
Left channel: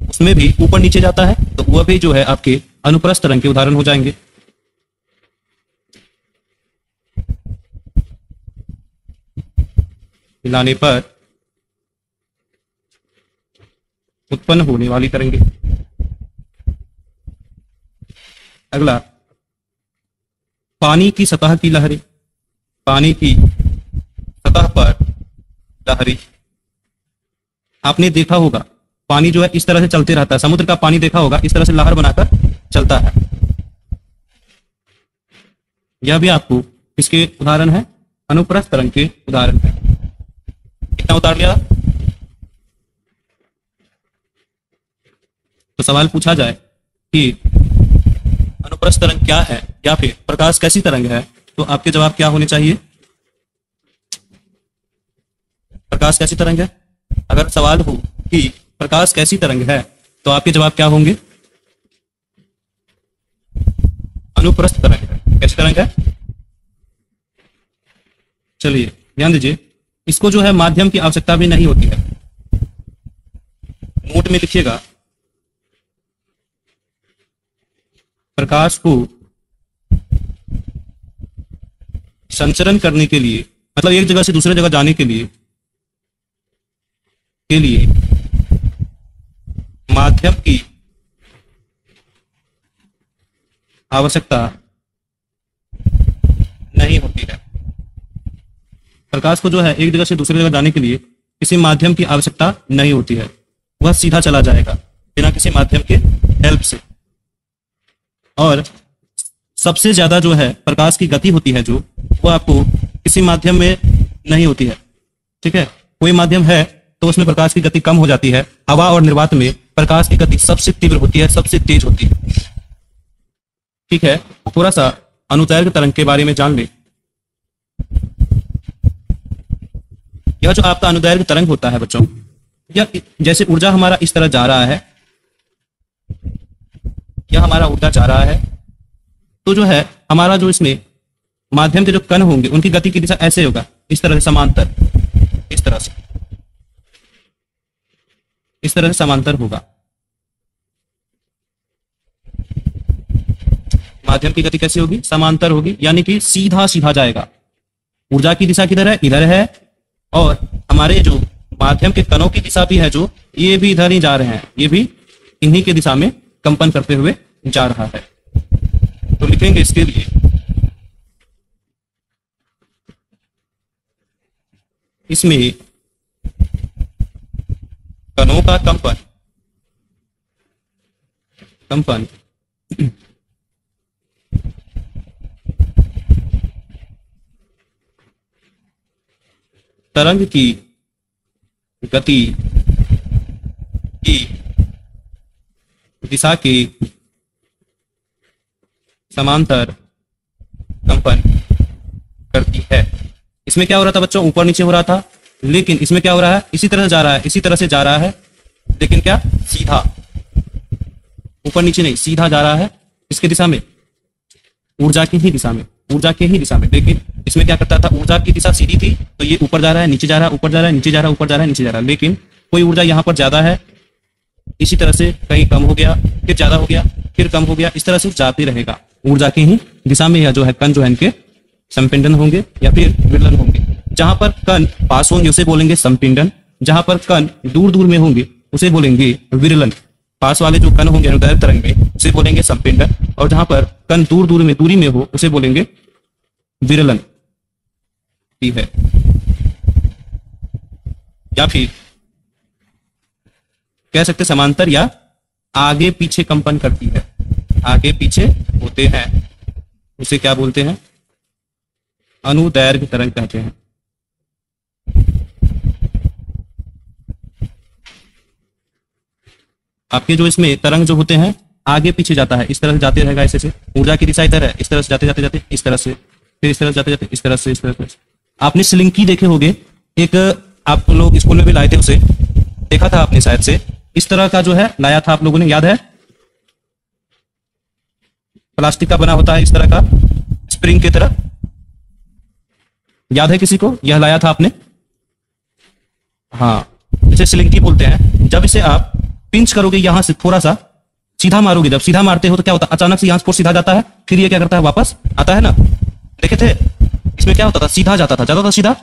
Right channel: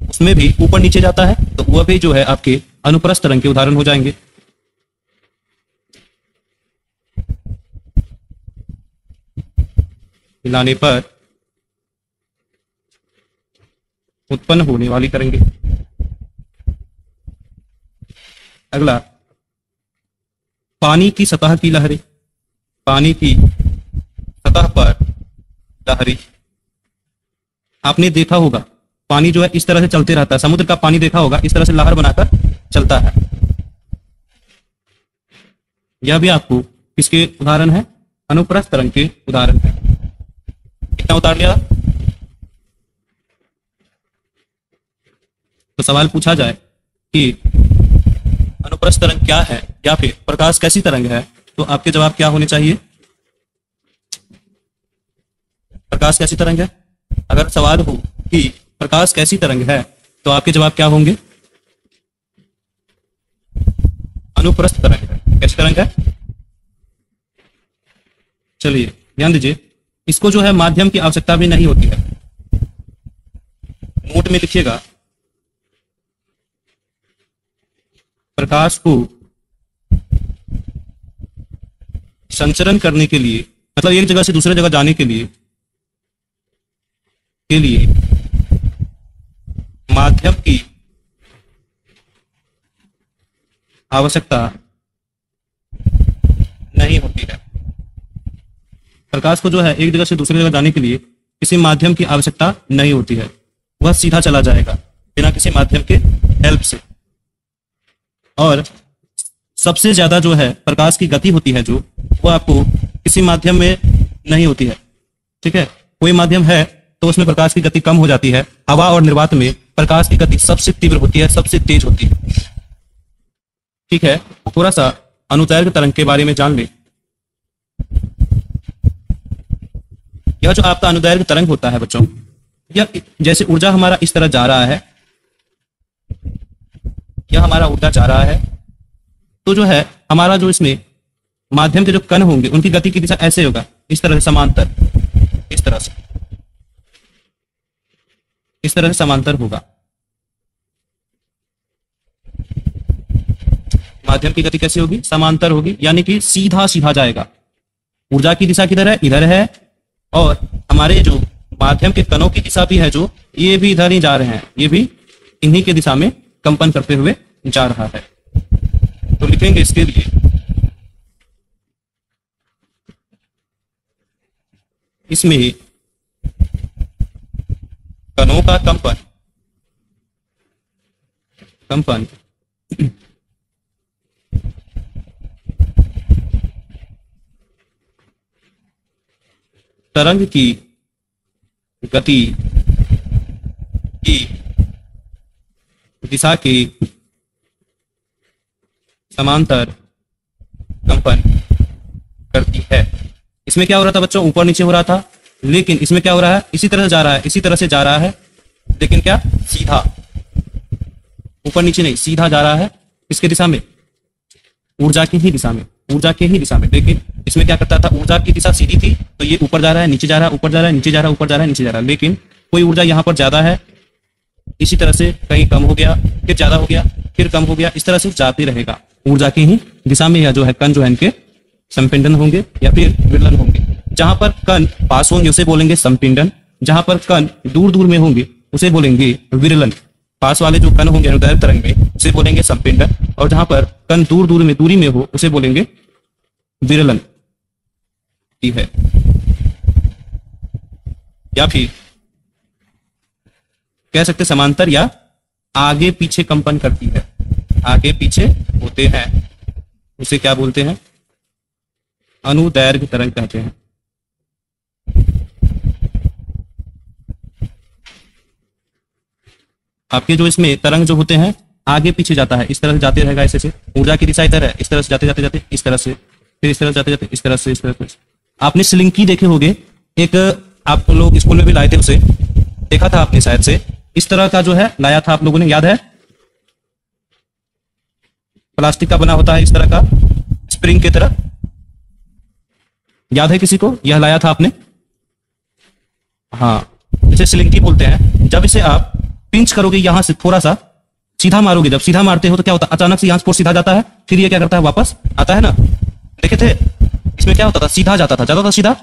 उसमें भी ऊपर नीचे जाता है, तो वह भी जो है आपके अनुप्रस्थ तरंग के उदाहरण हो जाएंगे। हिलाने पर उत्पन्न होने वाले तरंगे। अगला, पानी की सतह की लहरें, पानी की सतह पर लहरें। आपने देखा होगा पानी जो है इस तरह से चलते रहता है, समुद्र का पानी देखा होगा इस तरह से लहर बनाकर चलता है। यह भी आपको किसके उदाहरण है, अनुप्रस्थ तरंग के उदाहरण है। कितना उतार लिया? तो सवाल पूछा जाए कि अनुप्रस्थ तरंग क्या है या फिर प्रकाश कैसी तरंग है, तो आपके जवाब क्या होने चाहिए? प्रकाश कैसी तरंग है। अगर सवाल हो कि प्रकाश कैसी तरंग है तो आपके जवाब क्या होंगे? अनुप्रस्थ तरंग है। कैसी तरंग है? चलिए ध्यान दीजिए, इसको जो है माध्यम की आवश्यकता भी नहीं होती है। नोट में लिखिएगा, प्रकाश को संचरण करने के लिए, मतलब एक जगह से दूसरे जगह जाने के लिए माध्यम की आवश्यकता नहीं होती है। प्रकाश को जो है एक जगह से दूसरी जगह जाने के लिए किसी माध्यम की आवश्यकता नहीं होती है, वह सीधा चला जाएगा बिना किसी माध्यम के हेल्प से। और सबसे ज्यादा जो है प्रकाश की गति होती है जो, वो आपको किसी माध्यम में नहीं होती है, ठीक है। कोई माध्यम है तो उसमें प्रकाश की गति कम हो जाती है। हवा और निर्वात में प्रकाश की गति सबसे तीव्र होती है, सबसे तेज होती है, ठीक है। थोड़ा सा अनुदैर्घ्य तरंग के बारे में जान ले। यह जो आपका अनुदैर्घ्य तरंग होता है बच्चों, यह जैसे ऊर्जा हमारा इस तरह जा रहा है, यह हमारा ऊर्जा जा रहा है, तो जो है हमारा जो इसमें माध्यम के जो कण होंगे उनकी गति की दिशा ऐसे होगा, इस तरह समांतर, इस तरह से, इस तरह समांतर होगा। माध्यम की गति कैसे होगी? समांतर होगी, यानी कि सीधा सीधा जाएगा। ऊर्जा की दिशा किधर है? इधर है। और हमारे जो माध्यम के कणों की दिशा भी है जो, ये भी इधर ही जा रहे हैं, ये भी इन्हीं की दिशा में कंपन करते हुए जा रहा है। तो लिखेंगे इसके लिए इसमें कणों का कंपन तरंग की गति दिशा के समांतर कंपन करती है। इसमें क्या हो रहा था बच्चों, ऊपर नीचे हो रहा था, लेकिन इसमें क्या हो रहा है, इसी तरह जा रहा है, इसी तरह से जा रहा है, लेकिन क्या सीधा, ऊपर नीचे नहीं, सीधा जा रहा है इसके दिशा में, ऊर्जा की ही दिशा में, ऊर्जा के ही दिशा में। लेकिन इसमें क्या करता था, ऊर्जा की दिशा सीधी थी, तो ये ऊपर जा रहा है, नीचे जा रहा है, ऊपर जा रहा है, नीचे जा रहा है, ऊपर जा रहा है, नीचे जा रहा है। लेकिन कोई ऊर्जा यहाँ पर ज्यादा है, इसी तरह से कहीं कम हो गया, फिर ज्यादा हो गया, फिर कम हो गया, इस तरह से जाती रहेगा ऊर्जा की ही दिशा में। या जो है कण जो है इनके संपिंडन होंगे या फिर विरलन होंगे। जहां पर कण पास होंगे उसे बोलेंगे संपिंडन, जहां पर कण दूर दूर में होंगे उसे बोलेंगे विरलन। पास वाले जो कण होंगे अनुदैर्घ्य तरंग में उसे बोलेंगे संपिंडन, और जहां पर कण दूर दूर में दूरी में हो उसे बोलेंगे विरलन है। या फिर कह सकते समांतर या आगे पीछे कंपन करती है, आगे पीछे होते हैं, उसे क्या बोलते हैं, अनुदैर्घ्य तरंग कहते हैं। आपके जो इसमें तरंग जो होते हैं आगे पीछे जाता है, इस तरह से जाते रहेगा, ऐसे से ऊर्जा की दिशा इधर है, इस तरह से जाते जाते जाते इस तरह से, फिर इस तरह से जाते जाते इस तरह से, इस तरह से। आपने स्लिंकी देखे होंगे, एक आप लोग स्कूल में भी लाए थे, उसे देखा था आपने शायद से, इस तरह का जो है लाया था आप लोगों ने, याद है, प्लास्टिक का बना होता है इस तरह का, स्प्रिंग की तरह, याद है किसी को, यह लाया था आपने? हाँ, इसे स्लिंकी बोलते हैं। जब इसे आप पिंच करोगे यहां से थोड़ा सा सीधा मारोगे, जब सीधा मारते हो तो क्या होता है, अचानक से यहां से सीधा जाता है, फिर ये क्या करता है, वापस आता है ना। देखे थे इसमें क्या होता था, सीधा जाता था सीधा।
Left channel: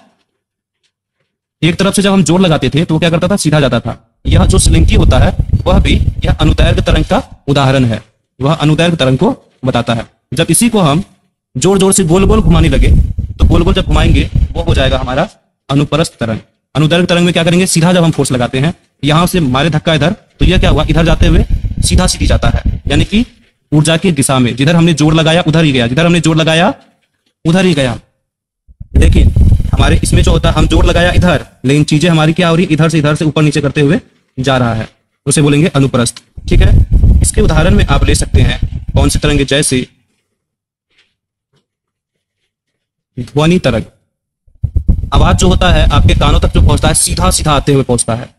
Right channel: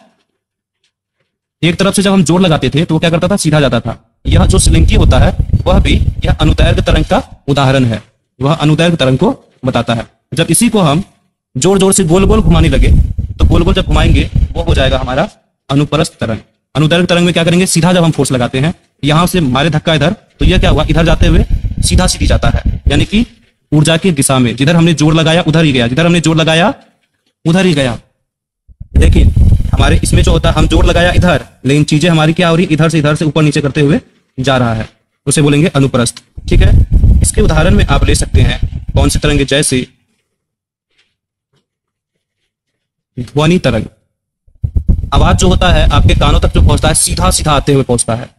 एक तरफ से जब हम जोर लगाते थे तो क्या करता था, सीधा जाता था। यह जो स्लिंकी होता है वह भी यह अनुदैर्घ्य तरंग का उदाहरण है, वह अनुदैर्घ्य तरंग को बताता है। जब इसी को हम जोर जोर से गोल गोल घुमाने लगे तो गोल गोल जब घुमाएंगे वो हो जाएगा हमारा अनुप्रस्थ तरंग। अनुदैर्घ्य तरंग में क्या करेंगे, सीधा जब हम फोर्स लगाते हैं, यहां से मारे धक्का इधर, तो यह क्या हुआ, इधर जाते हुए सीधा सीधी जाता है, यानी कि ऊर्जा की दिशा में, जिधर हमने जोर लगाया उधर ही गया, जिधर हमने जोर लगाया उधर ही गया। देखिए हमारे इसमें जो होता है, हम जोर लगाया इधर, लेकिन चीजें हमारी क्या हो रही, इधर से ऊपर नीचे करते हुए जा रहा है, उसे बोलेंगे अनुप्रस्थ। ठीक है, इसके उदाहरण में आप ले सकते हैं कौन से तरंग, जैसे ध्वनि तरंग। आवाज जो होता है आपके कानों तक जो पहुंचता है, सीधा सीधा आते हुए पहुंचता है।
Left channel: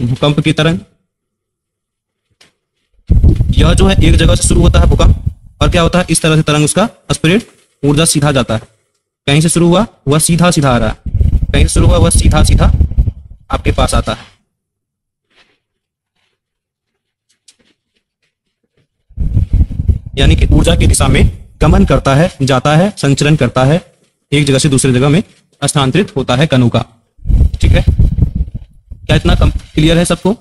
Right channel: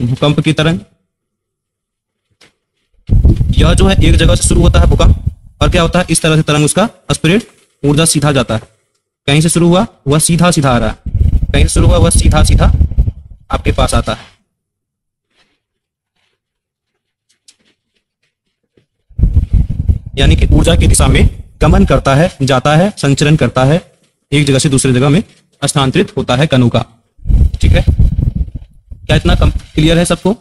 भूकंप की तरंग, यह जो है एक जगह से शुरू होता है भूकंप, और क्या होता है, इस तरह से तरंग उसका स्प्रेड, ऊर्जा सीधा जाता है, कहीं से शुरू हुआ वह सीधा सीधा आ रहा है, कहीं से शुरू हुआ वह सीधा सीधा आपके पास आता है। यानी कि ऊर्जा की दिशा में गमन करता है, जाता है, संचरण करता है, एक जगह से दूसरी जगह में स्थानांतरित होता है कणों का। ठीक है, क्या इतना क्लियर है सबको?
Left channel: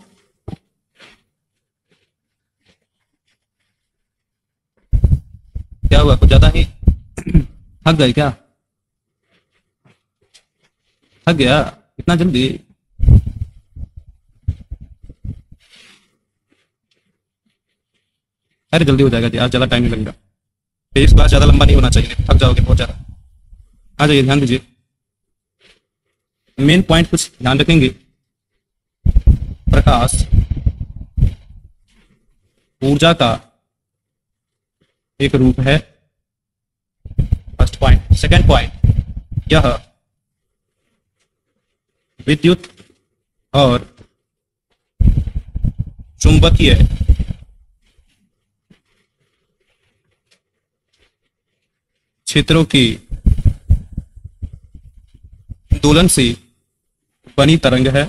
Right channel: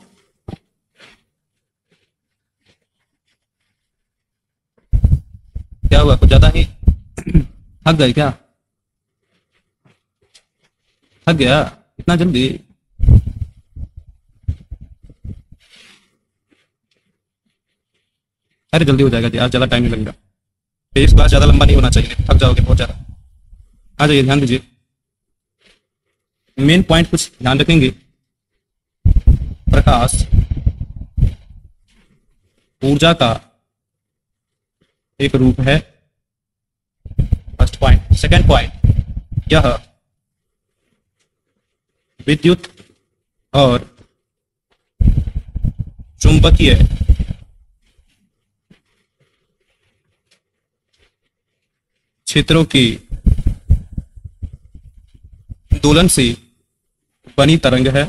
क्या हुआ, कुछ ज्यादा ही थक गए क्या? थक गया इतना जल्दी? अरे जल्दी हो जाएगा यार, ज्यादा टाइम नहीं लगेगा, इस बार ज्यादा लंबा नहीं होना चाहिए, थक जाओगे बहुत ज्यादा। आ जाइए, ध्यान दीजिए, मेन पॉइंट कुछ ध्यान रखेंगे। प्रकाश ऊर्जा का एक रूप है, फर्स्ट पॉइंट। सेकेंड पॉइंट, यह विद्युत और चुंबकीय क्षेत्रों के दोलन से बनी तरंग है,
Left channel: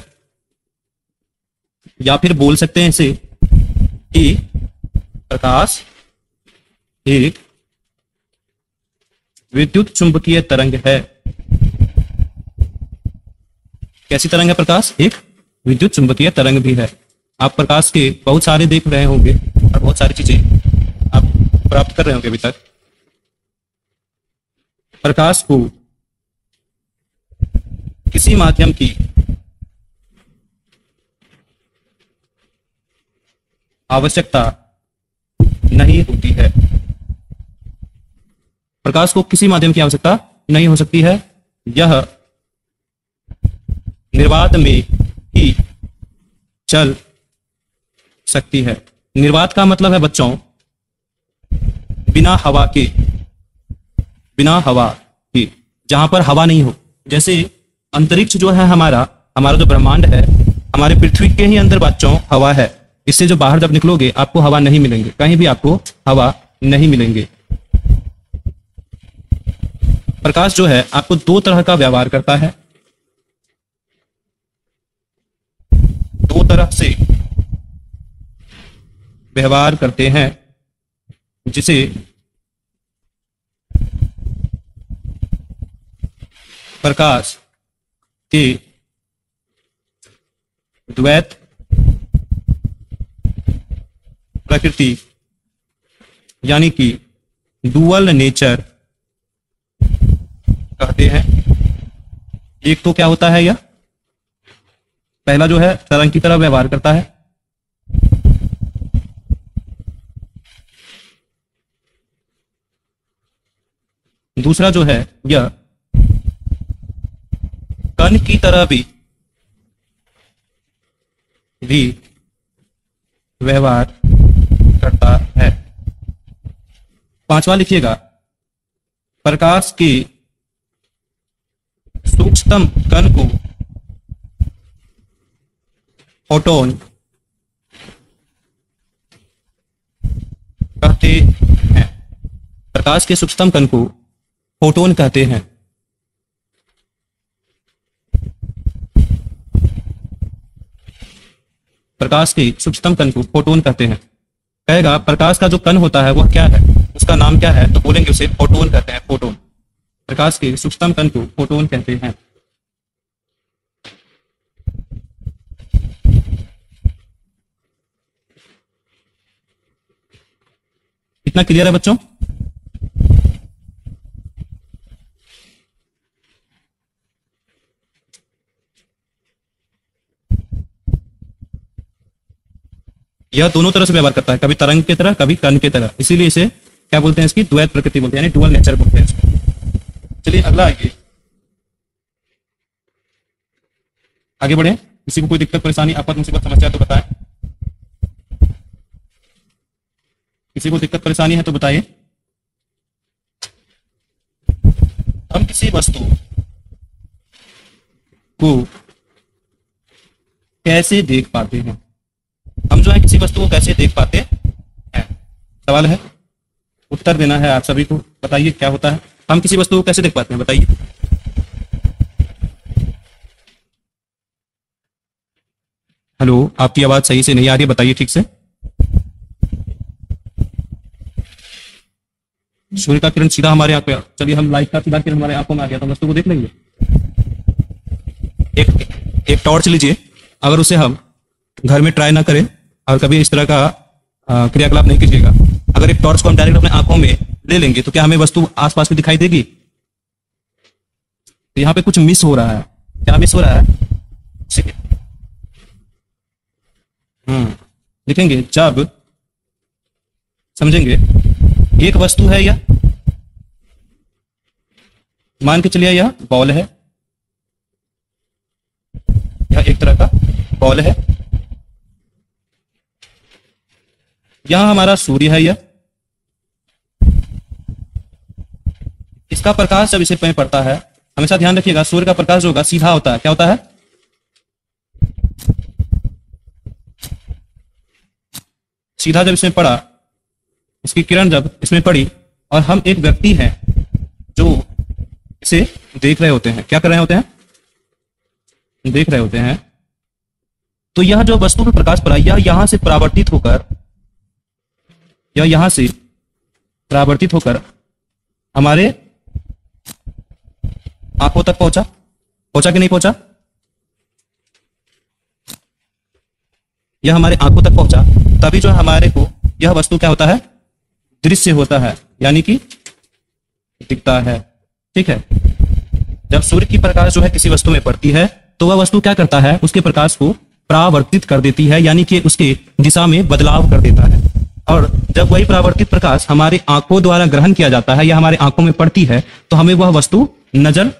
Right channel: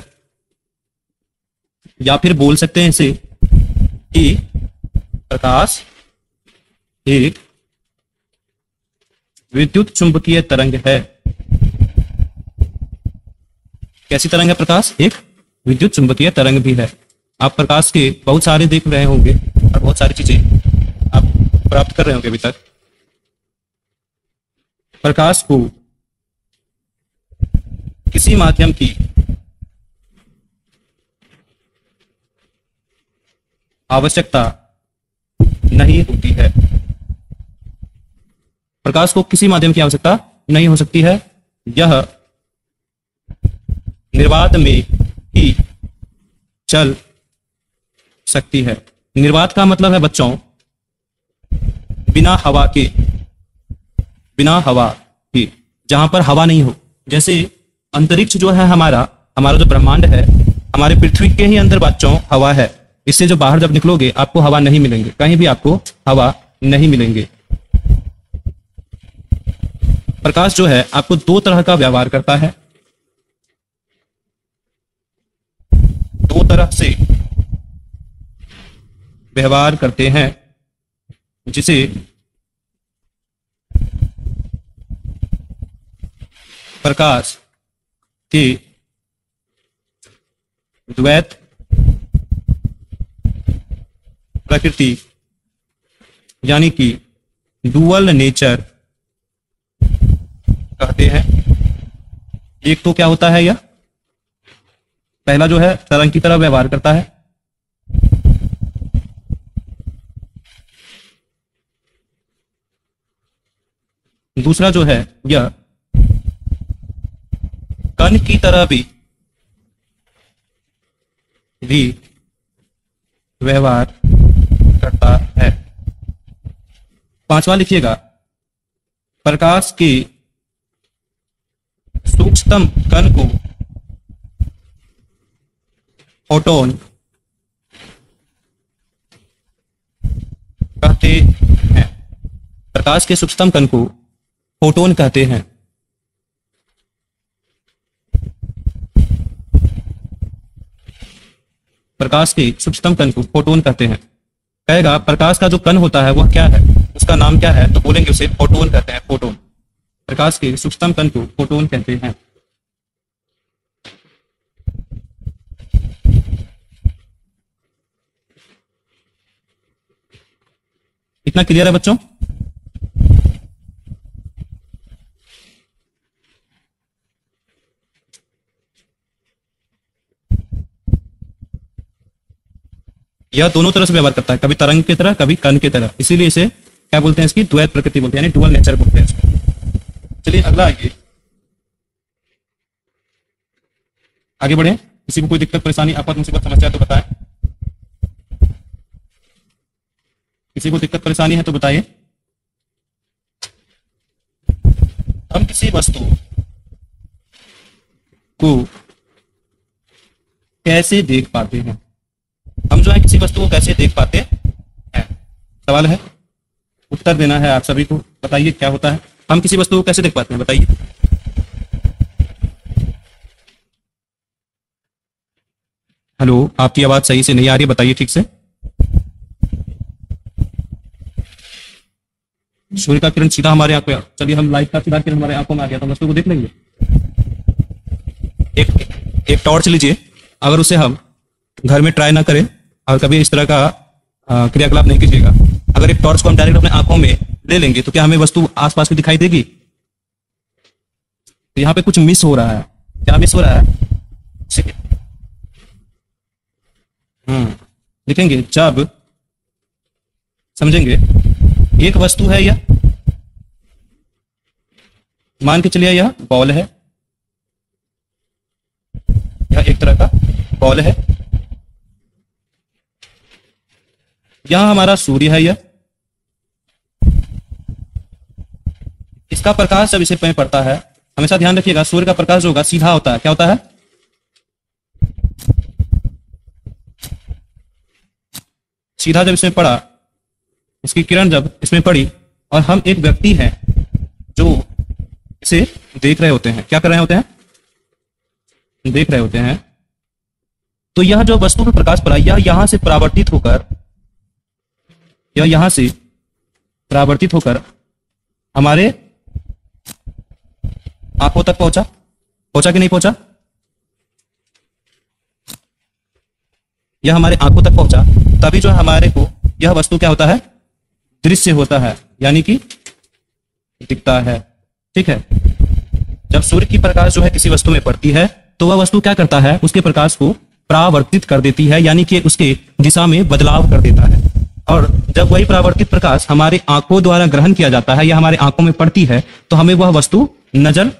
या फिर बोल सकते हैं इसे कि प्रकाश एक विद्युत चुंबकीय तरंग है। कैसी तरंग है प्रकाश? एक विद्युत चुंबकीय तरंग भी है। आप प्रकाश के बहुत सारे देख रहे होंगे और बहुत सारी चीजें आप प्राप्त कर रहे होंगे अभी तक। प्रकाश को किसी माध्यम की आवश्यकता नहीं होती है। प्रकाश को किसी माध्यम की आवश्यकता नहीं हो सकती है, यह निर्वात में ही चल सकती है। निर्वात का मतलब है बच्चों बिना हवा के, बिना हवा के, जहां पर हवा नहीं हो। जैसे अंतरिक्ष जो है हमारा जो ब्रह्मांड है, हमारे पृथ्वी के ही अंदर बच्चों हवा है। इससे जो बाहर जब निकलोगे आपको हवा नहीं मिलेंगे, कहीं भी आपको हवा नहीं मिलेंगे। प्रकाश जो है आपको दो तरह का व्यवहार करता है, दो तरह से व्यवहार करते हैं, जिसे प्रकाश के द्वैत प्रकृति यानी कि डुअल नेचर कहते हैं। एक तो क्या होता है, यह पहला जो है तरंग की तरह व्यवहार करता है, दूसरा जो है यह कण की तरह भी व्यवहार करता है। पांचवा लिखिएगा, प्रकाश के सूक्ष्मतम कण को फोटोन कहते हैं। प्रकाश के सूक्ष्मतम कण को फोटोन कहते हैं। प्रकाश के सूक्ष्मतम कण को फोटोन कहते हैं। कहेगा प्रकाश का जो कण होता है वह क्या है, उसका नाम क्या है, तो बोलेंगे उसे फोटोन कहते हैं। फोटोन, प्रकाश के सूक्ष्मतम कण को फोटोन कहते हैं। इतना क्लियर है बच्चों? यह दोनों तरह से व्यवहार करता है, कभी तरंग की तरह, कभी कण की तरह। इसीलिए इसे क्या बोलते हैं, इसकी द्वैत प्रकृति बोलते हैं, यानी डुअल नेचर बोलते हैं इसको। चलिए अगला आगे बढ़े। किसी को कोई दिक्कत परेशानी आपको तुमसे कुछ समस्या है तो बताएं। किसी को दिक्कत परेशानी है तो बताइए। हम किसी वस्तु को कैसे देख पाते हैं, हम जो है किसी वस्तु को कैसे देख पाते हैं, सवाल है, उत्तर देना है आप सभी को। बताइए क्या होता है, हम किसी वस्तु को कैसे देख पाते हैं, बताइए। हेलो, आपकी आवाज सही से नहीं आ रही, बताइए ठीक से। सूर्य का किरण सीधा हमारे आंख पे, चलिए हम लाइट का सीधा किरण हमारे आंखों में आ गया तो वस्तु को देख लेंगे। एक टॉर्च लीजिए, अगर उसे हम घर में ट्राई ना करें और कभी इस तरह का क्रियाकलाप नहीं कीजिएगा, अगर एक टॉर्च को हम डायरेक्ट अपने आंखों में ले लेंगे तो क्या हमें वस्तु आसपास में दिखाई देगी? यहाँ पे कुछ मिस हो रहा है, क्या मिस हो रहा है? लिखेंगे जब समझेंगे। एक वस्तु है यह, मान के चलिए यह बॉल है, यह एक तरह का बॉल है। यहां हमारा सूर्य है, यह इसका प्रकाश जब इसे पे पड़ता है, हमेशा ध्यान रखिएगा सूर्य का प्रकाश जो होगा सीधा होता है। क्या होता है? सीधा जब इसमें पड़ा, इसकी किरण जब इसमें पड़ी और हम एक व्यक्ति हैं जो इसे देख रहे होते हैं, क्या कर रहे होते हैं? देख रहे होते हैं। तो यह जो वस्तु में प्रकाश पड़ा, यह यहां से परावर्तित होकर, यह यहां से परावर्तित होकर हमारे आंखों तक पहुंचा। पहुंचा कि नहीं पहुंचा? यह हमारे आंखों तक पहुंचा, तभी जो हमारे को यह वस्तु क्या होता है? दृश्य होता है, यानी कि दिखता है। ठीक है, जब सूर्य की प्रकाश जो है किसी वस्तु में पड़ती है तो वह वस्तु क्या करता है? उसके प्रकाश को परावर्तित कर देती है, यानी कि उसकी दिशा में बदलाव कर देता है। और जब वही परावर्तित प्रकाश हमारी आंखों द्वारा ग्रहण किया जाता है या हमारी आंखों में पड़ती है तो हमें वह वस्तु नजर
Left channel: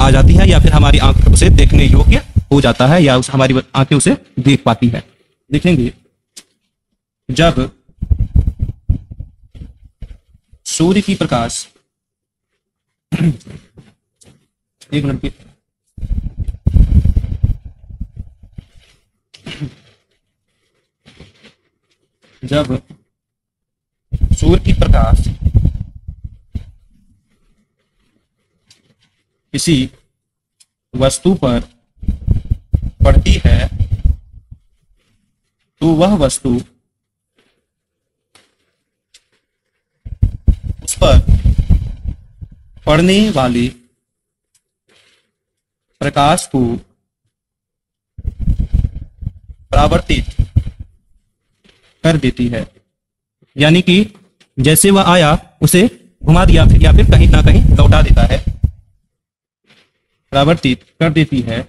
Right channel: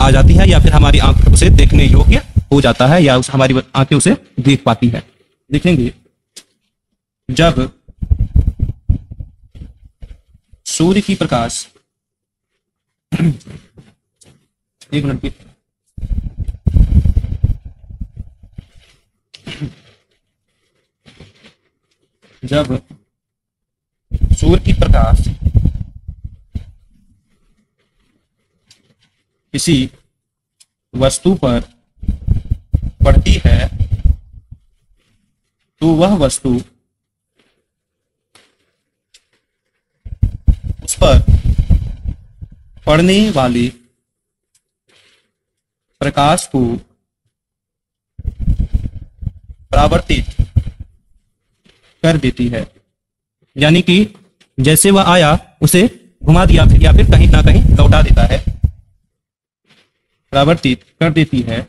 आ जाती है, या फिर हमारी आंख उसे देखने योग्य हो जाता है, या हमारी आंखें उसे देख पाती है। देखेंगे जब सूर्य की प्रकाश एक मिनट, जब सूर्य की प्रकाश किसी वस्तु पर पड़ती है तो वह वस्तु उस पर पड़ने वाले प्रकाश को परावर्तित कर देती है। यानी कि जैसे वह आया उसे घुमा दिया फिर या फिर कहीं ना कहीं लौटा देता है, परावर्तित कर देती है।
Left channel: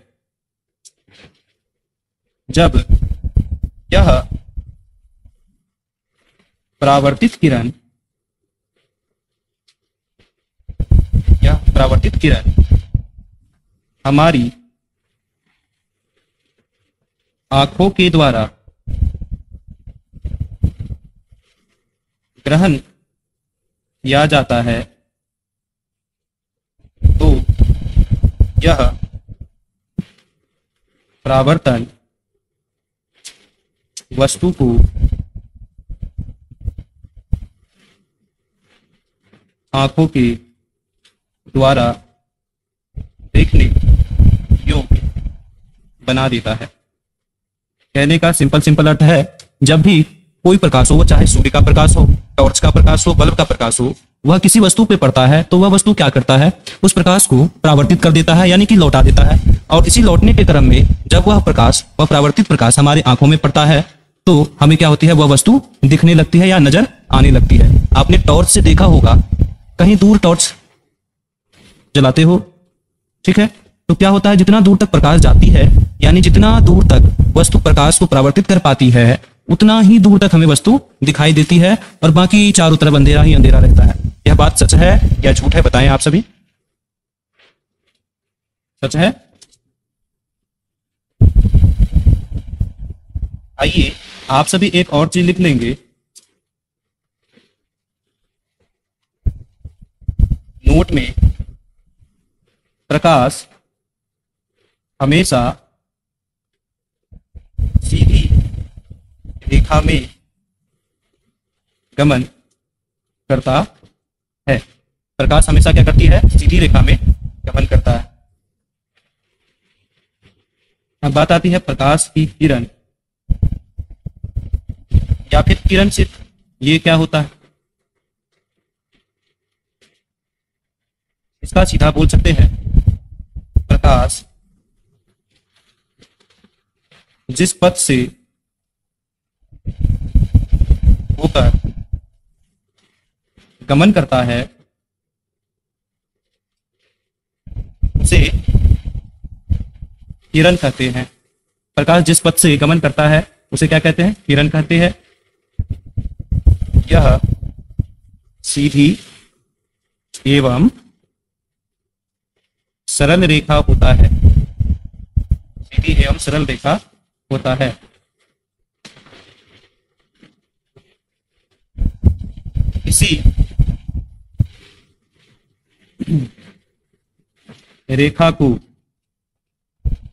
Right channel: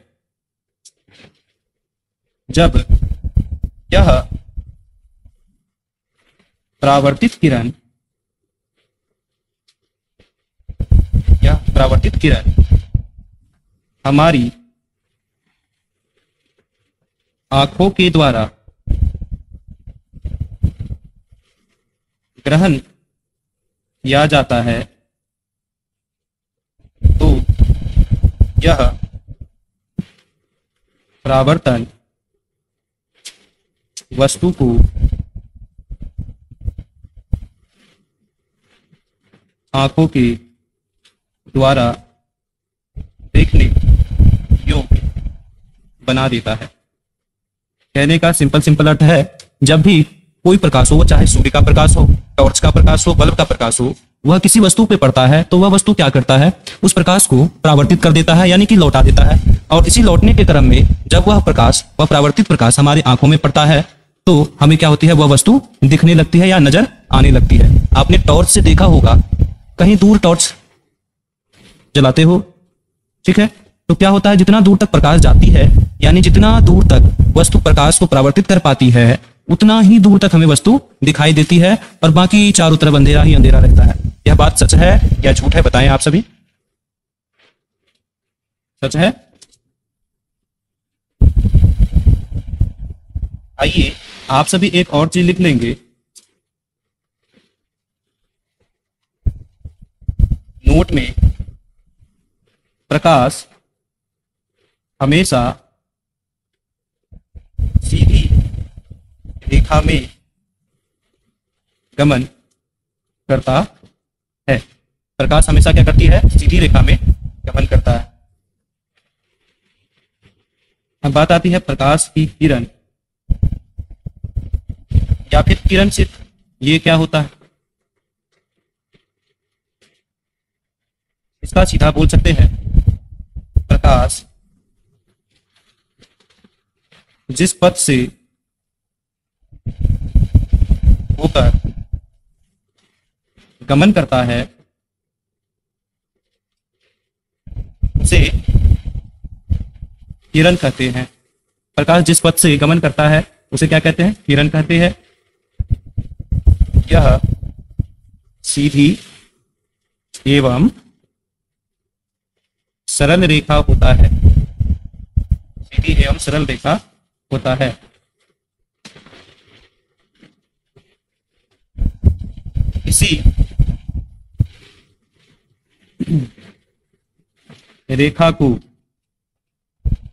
जब यह परावर्तित किरण हमारी आंखों के द्वारा ग्रहण किया जाता है तो यह परावर्तन वस्तु को आंखों के द्वारा देखने योग्य बना देता है। कहने का सिंपल अर्थ है, जब भी कोई प्रकाश हो, चाहे सूर्य का प्रकाश हो, टॉर्च का प्रकाश हो, बल्ब का प्रकाश हो, वह किसी वस्तु पे पड़ता है तो वह वस्तु क्या करता है, उस प्रकाश को परावर्तित कर देता है, यानी कि लौटा देता है। और इसी लौटने के क्रम में जब वह परावर्तित प्रकाश हमारी आंखों में पड़ता है तो हमें क्या होती है, वह वस्तु दिखने लगती है या नजर आने लगती है। आपने टॉर्च से देखा होगा, कहीं दूर टॉर्च जलाते हो, ठीक है, तो क्या होता है, जितना दूर तक प्रकाश जाती है, यानी जितना दूर तक वस्तु प्रकाश को परावर्तित कर पाती है उतना ही दूर तक हमें वस्तु दिखाई देती है और बाकी चारों तरफ अंधेरा ही अंधेरा रहता है। यह बात सच है या झूठ है, बताएं आप सभी। सच है? आइए आप सभी एक और चीज लिख लेंगे, नोट में प्रकाश हमेशा सीधी रेखा में गमन करता है। प्रकाश हमेशा क्या करती है, सीधी रेखा में गमन करता है। अब बात आती है प्रकाश की किरण या फिर किरण सिर्फ, ये क्या होता है, इसका सीधा बोल सकते हैं, प्रकाश जिस पथ से होकर गमन करता है उसे किरण कहते हैं। प्रकाश जिस पथ से गमन करता है उसे क्या कहते हैं, किरण कहते हैं। यह सीधी एवं सरल रेखा होता है, सीधी एवं सरल रेखा होता है। इसी रेखा को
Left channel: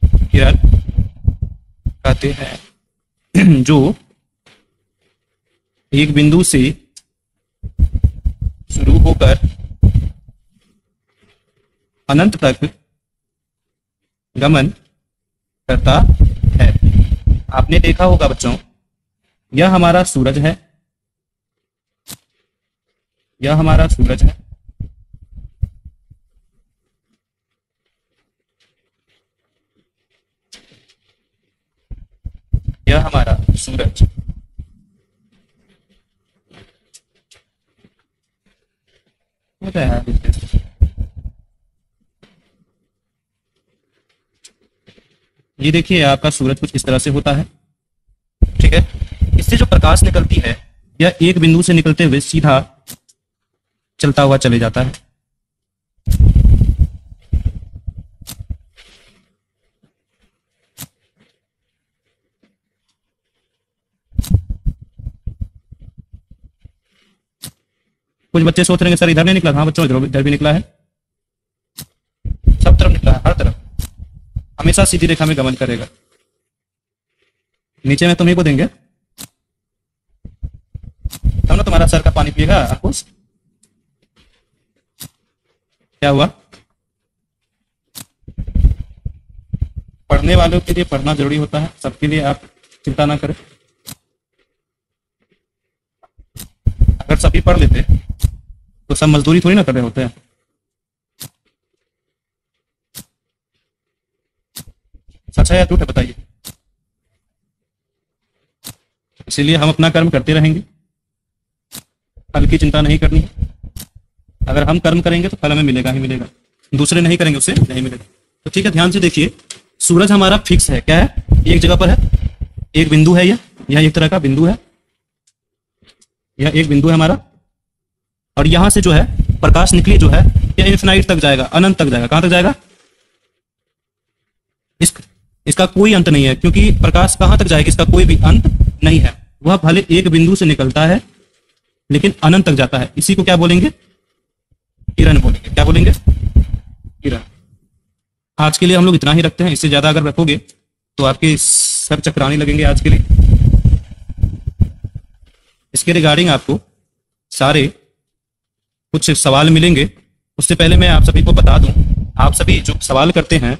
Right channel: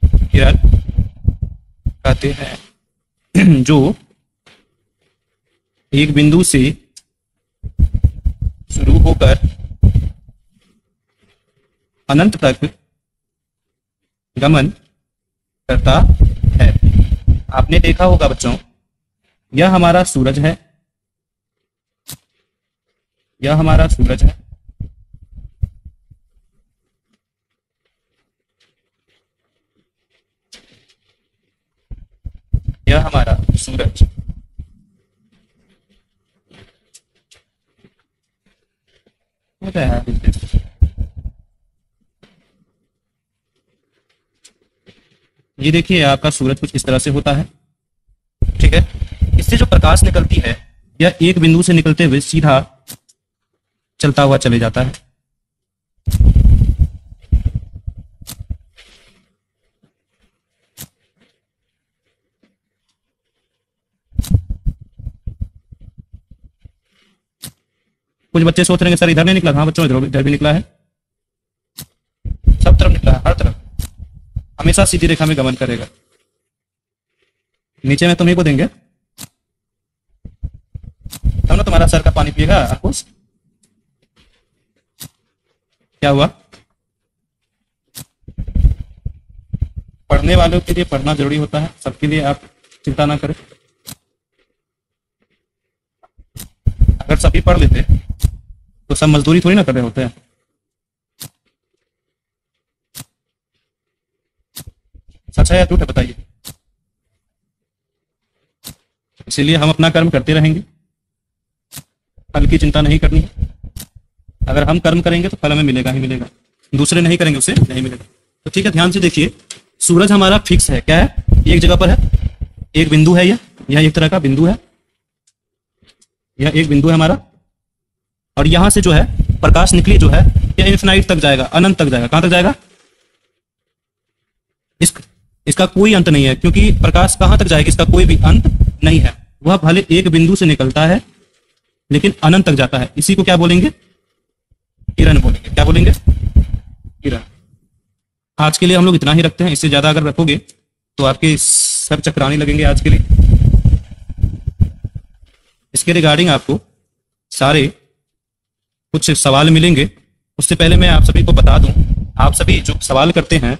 किरण कहते हैं, जो एक बिंदु से शुरू होकर अनंत तक गमन करता है। आपने देखा होगा बच्चों, यह हमारा सूरज है, यह हमारा सूरज है, यह हमारा सूरज। ये देखिए आपका सूरज कुछ इस तरह से होता है, ठीक है। इससे जो प्रकाश निकलती है यह एक बिंदु से निकलते हुए सीधा चलता हुआ चले जाता है। कुछ बच्चे सोच रहे हैं सर इधर नहीं निकला। हाँ बच्चों, इधर भी निकला है, सब तरफ निकला है, हर तरफ। हमेशा सीधी रेखा में गमन करेगा। नीचे में तुम्हें को देंगे तब ना तुम्हारा सर का पानी पिएगा आपको। क्या हुआ? पढ़ने वालों के लिए पढ़ना जरूरी होता है, सबके लिए आप चिंता ना करें। अगर सभी पढ़ लेते तो सब मजदूरी थोड़ी ना कर रहे होते हैं। सच है या झूठ है बताइए? इसीलिए हम अपना कर्म करते रहेंगे, फल की चिंता नहीं करनी। अगर हम कर्म करेंगे तो फल हमें मिलेगा ही मिलेगा, दूसरे नहीं करेंगे उसे नहीं मिलेगा। तो ठीक है, ध्यान से देखिए, सूरज हमारा फिक्स है, क्या है? एक जगह पर है, एक बिंदु है, यह एक तरह का बिंदु है, यह एक बिंदु है हमारा। और यहां से जो है प्रकाश निकली जो है यह इन्फिनाइट तक जाएगा, अनंत तक जाएगा। कहां तक जाएगा? इसका कोई अंत नहीं है, क्योंकि प्रकाश कहां तक जाएगा इसका कोई भी अंत नहीं है। वह भले एक बिंदु से निकलता है लेकिन अनंत तक जाता है। इसी को क्या बोलेंगे? किरण बोलेंगे। क्या बोलेंगे? किरण। आज के लिए हम लोग इतना ही रखते हैं, इससे ज्यादा अगर रखोगे तो आपके सर चकराने लगेंगे। आज के लिए इसके रिगार्डिंग आपको सारे कुछ सवाल मिलेंगे। उससे पहले मैं आप सभी को बता दूं, आप सभी जो सवाल करते हैं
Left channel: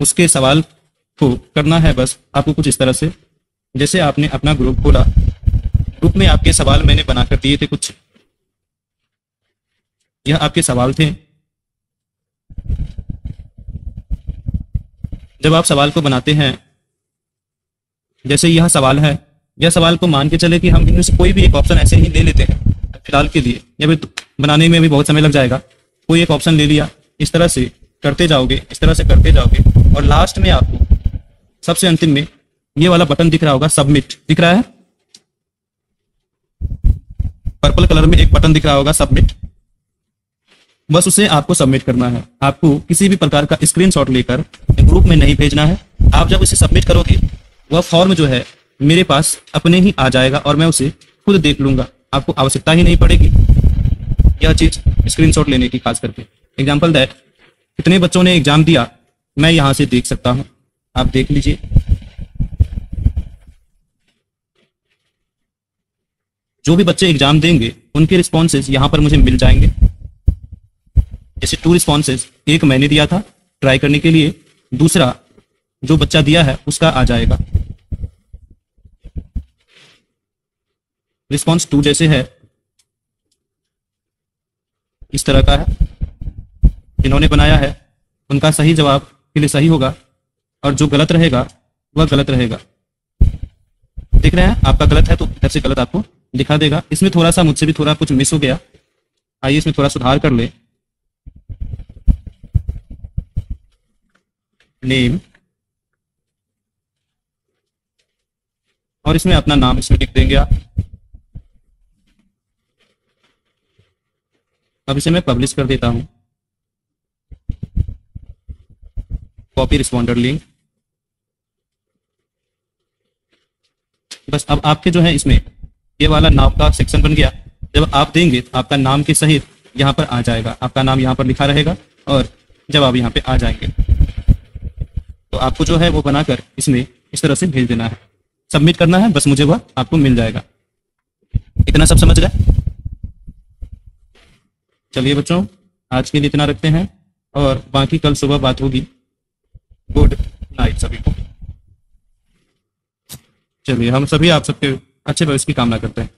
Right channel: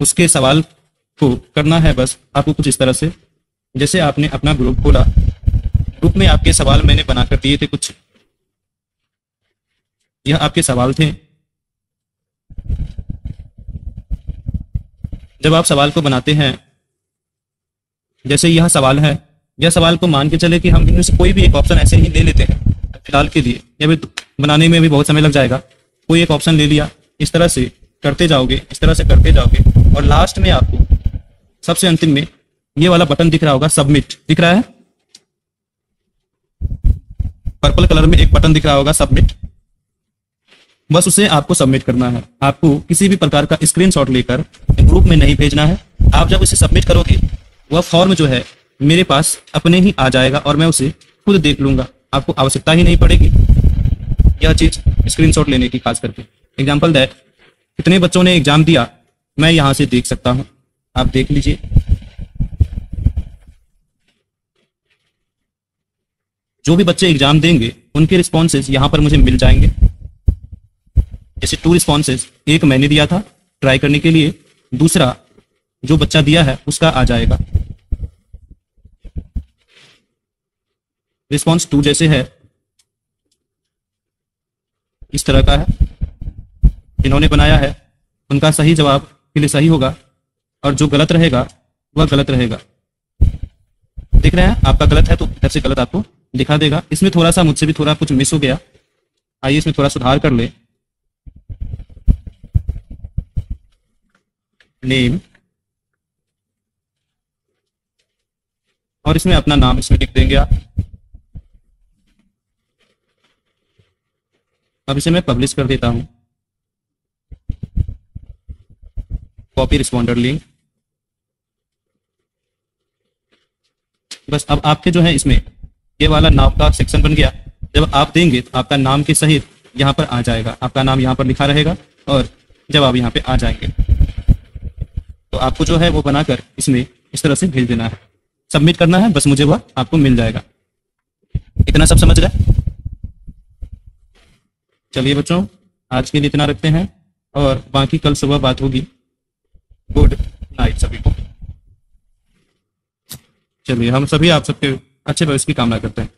उसके सवाल को करना है बस आपको कुछ इस तरह से, जैसे आपने अपना ग्रुप खोला, ग्रुप में आपके सवाल मैंने बनाकर दिए थे कुछ, यह आपके सवाल थे। जब आप सवाल को बनाते हैं, जैसे यह सवाल है, यह सवाल को मान के चले कि हम इनमें से कोई भी एक ऑप्शन ऐसे ही ले लेते हैं फिलहाल के लिए, यह भी बनाने में भी बहुत समय लग जाएगा। कोई एक ऑप्शन ले लिया, इस तरह से करते जाओगे, इस तरह से करते जाओगे, और लास्ट में आपको सबसे अंतिम में ये वाला बटन दिख रहा होगा, सबमिट दिख रहा है, पर्पल कलर में एक बटन दिख रहा होगा, सबमिट। बस उसे आपको सबमिट करना है। आपको किसी भी प्रकार का स्क्रीनशॉट लेकर ग्रुप में नहीं भेजना है। आप जब उसे सबमिट करोगे वह फॉर्म जो है मेरे पास अपने ही आ जाएगा और मैं उसे खुद देख लूंगा। आपको आवश्यकता ही नहीं पड़ेगी यह चीज स्क्रीनशॉट लेने की। खास करके एग्जांपल दैट कितने बच्चों ने एग्जाम दिया मैं यहां से देख सकता हूं, आप देख लीजिए। जो भी बच्चे एग्जाम देंगे उनके रिस्पॉन्सेज यहां पर मुझे मिल जाएंगे। जैसे 2 रिस्पॉन्सेज, एक मैंने दिया था ट्राई करने के लिए, दूसरा जो बच्चा दिया है उसका आ जाएगा। रिस्पॉन्स 2 जैसे है इस तरह का है, इन्होंने बनाया है, उनका सही जवाब के लिए सही होगा और जो गलत रहेगा वह गलत रहेगा। देख रहे हैं, आपका गलत है तो इधर से गलत आपको दिखा देगा। इसमें थोड़ा सा मुझसे भी थोड़ा कुछ मिस हो गया, आइए इसमें थोड़ा सुधार कर ले। नेम और इसमें अपना नाम इसमें लिख देंगे आप। अब इसे मैं पब्लिश कर देता हूं, कॉपी रिस्पॉन्डर लिंक। बस अब आपके जो है इसमें ये वाला नाम का सेक्शन बन गया। जब आप देंगे तो आपका नाम के सहित यहाँ पर आ जाएगा, आपका नाम यहाँ पर लिखा रहेगा और जब आप यहाँ पे आ जाएंगे तो आपको जो है वो बनाकर इसमें इस तरह से भेज देना है, सबमिट करना है, बस मुझे वह आपको मिल जाएगा। इतना सब समझ गए? चलिए बच्चों, आज के लिए इतना रखते हैं और बाकी कल सुबह बात होगी। गुड नाइट सभी को। चलिए, हम सभी आप सबके अच्छे भविष्य की कामना करते हैं।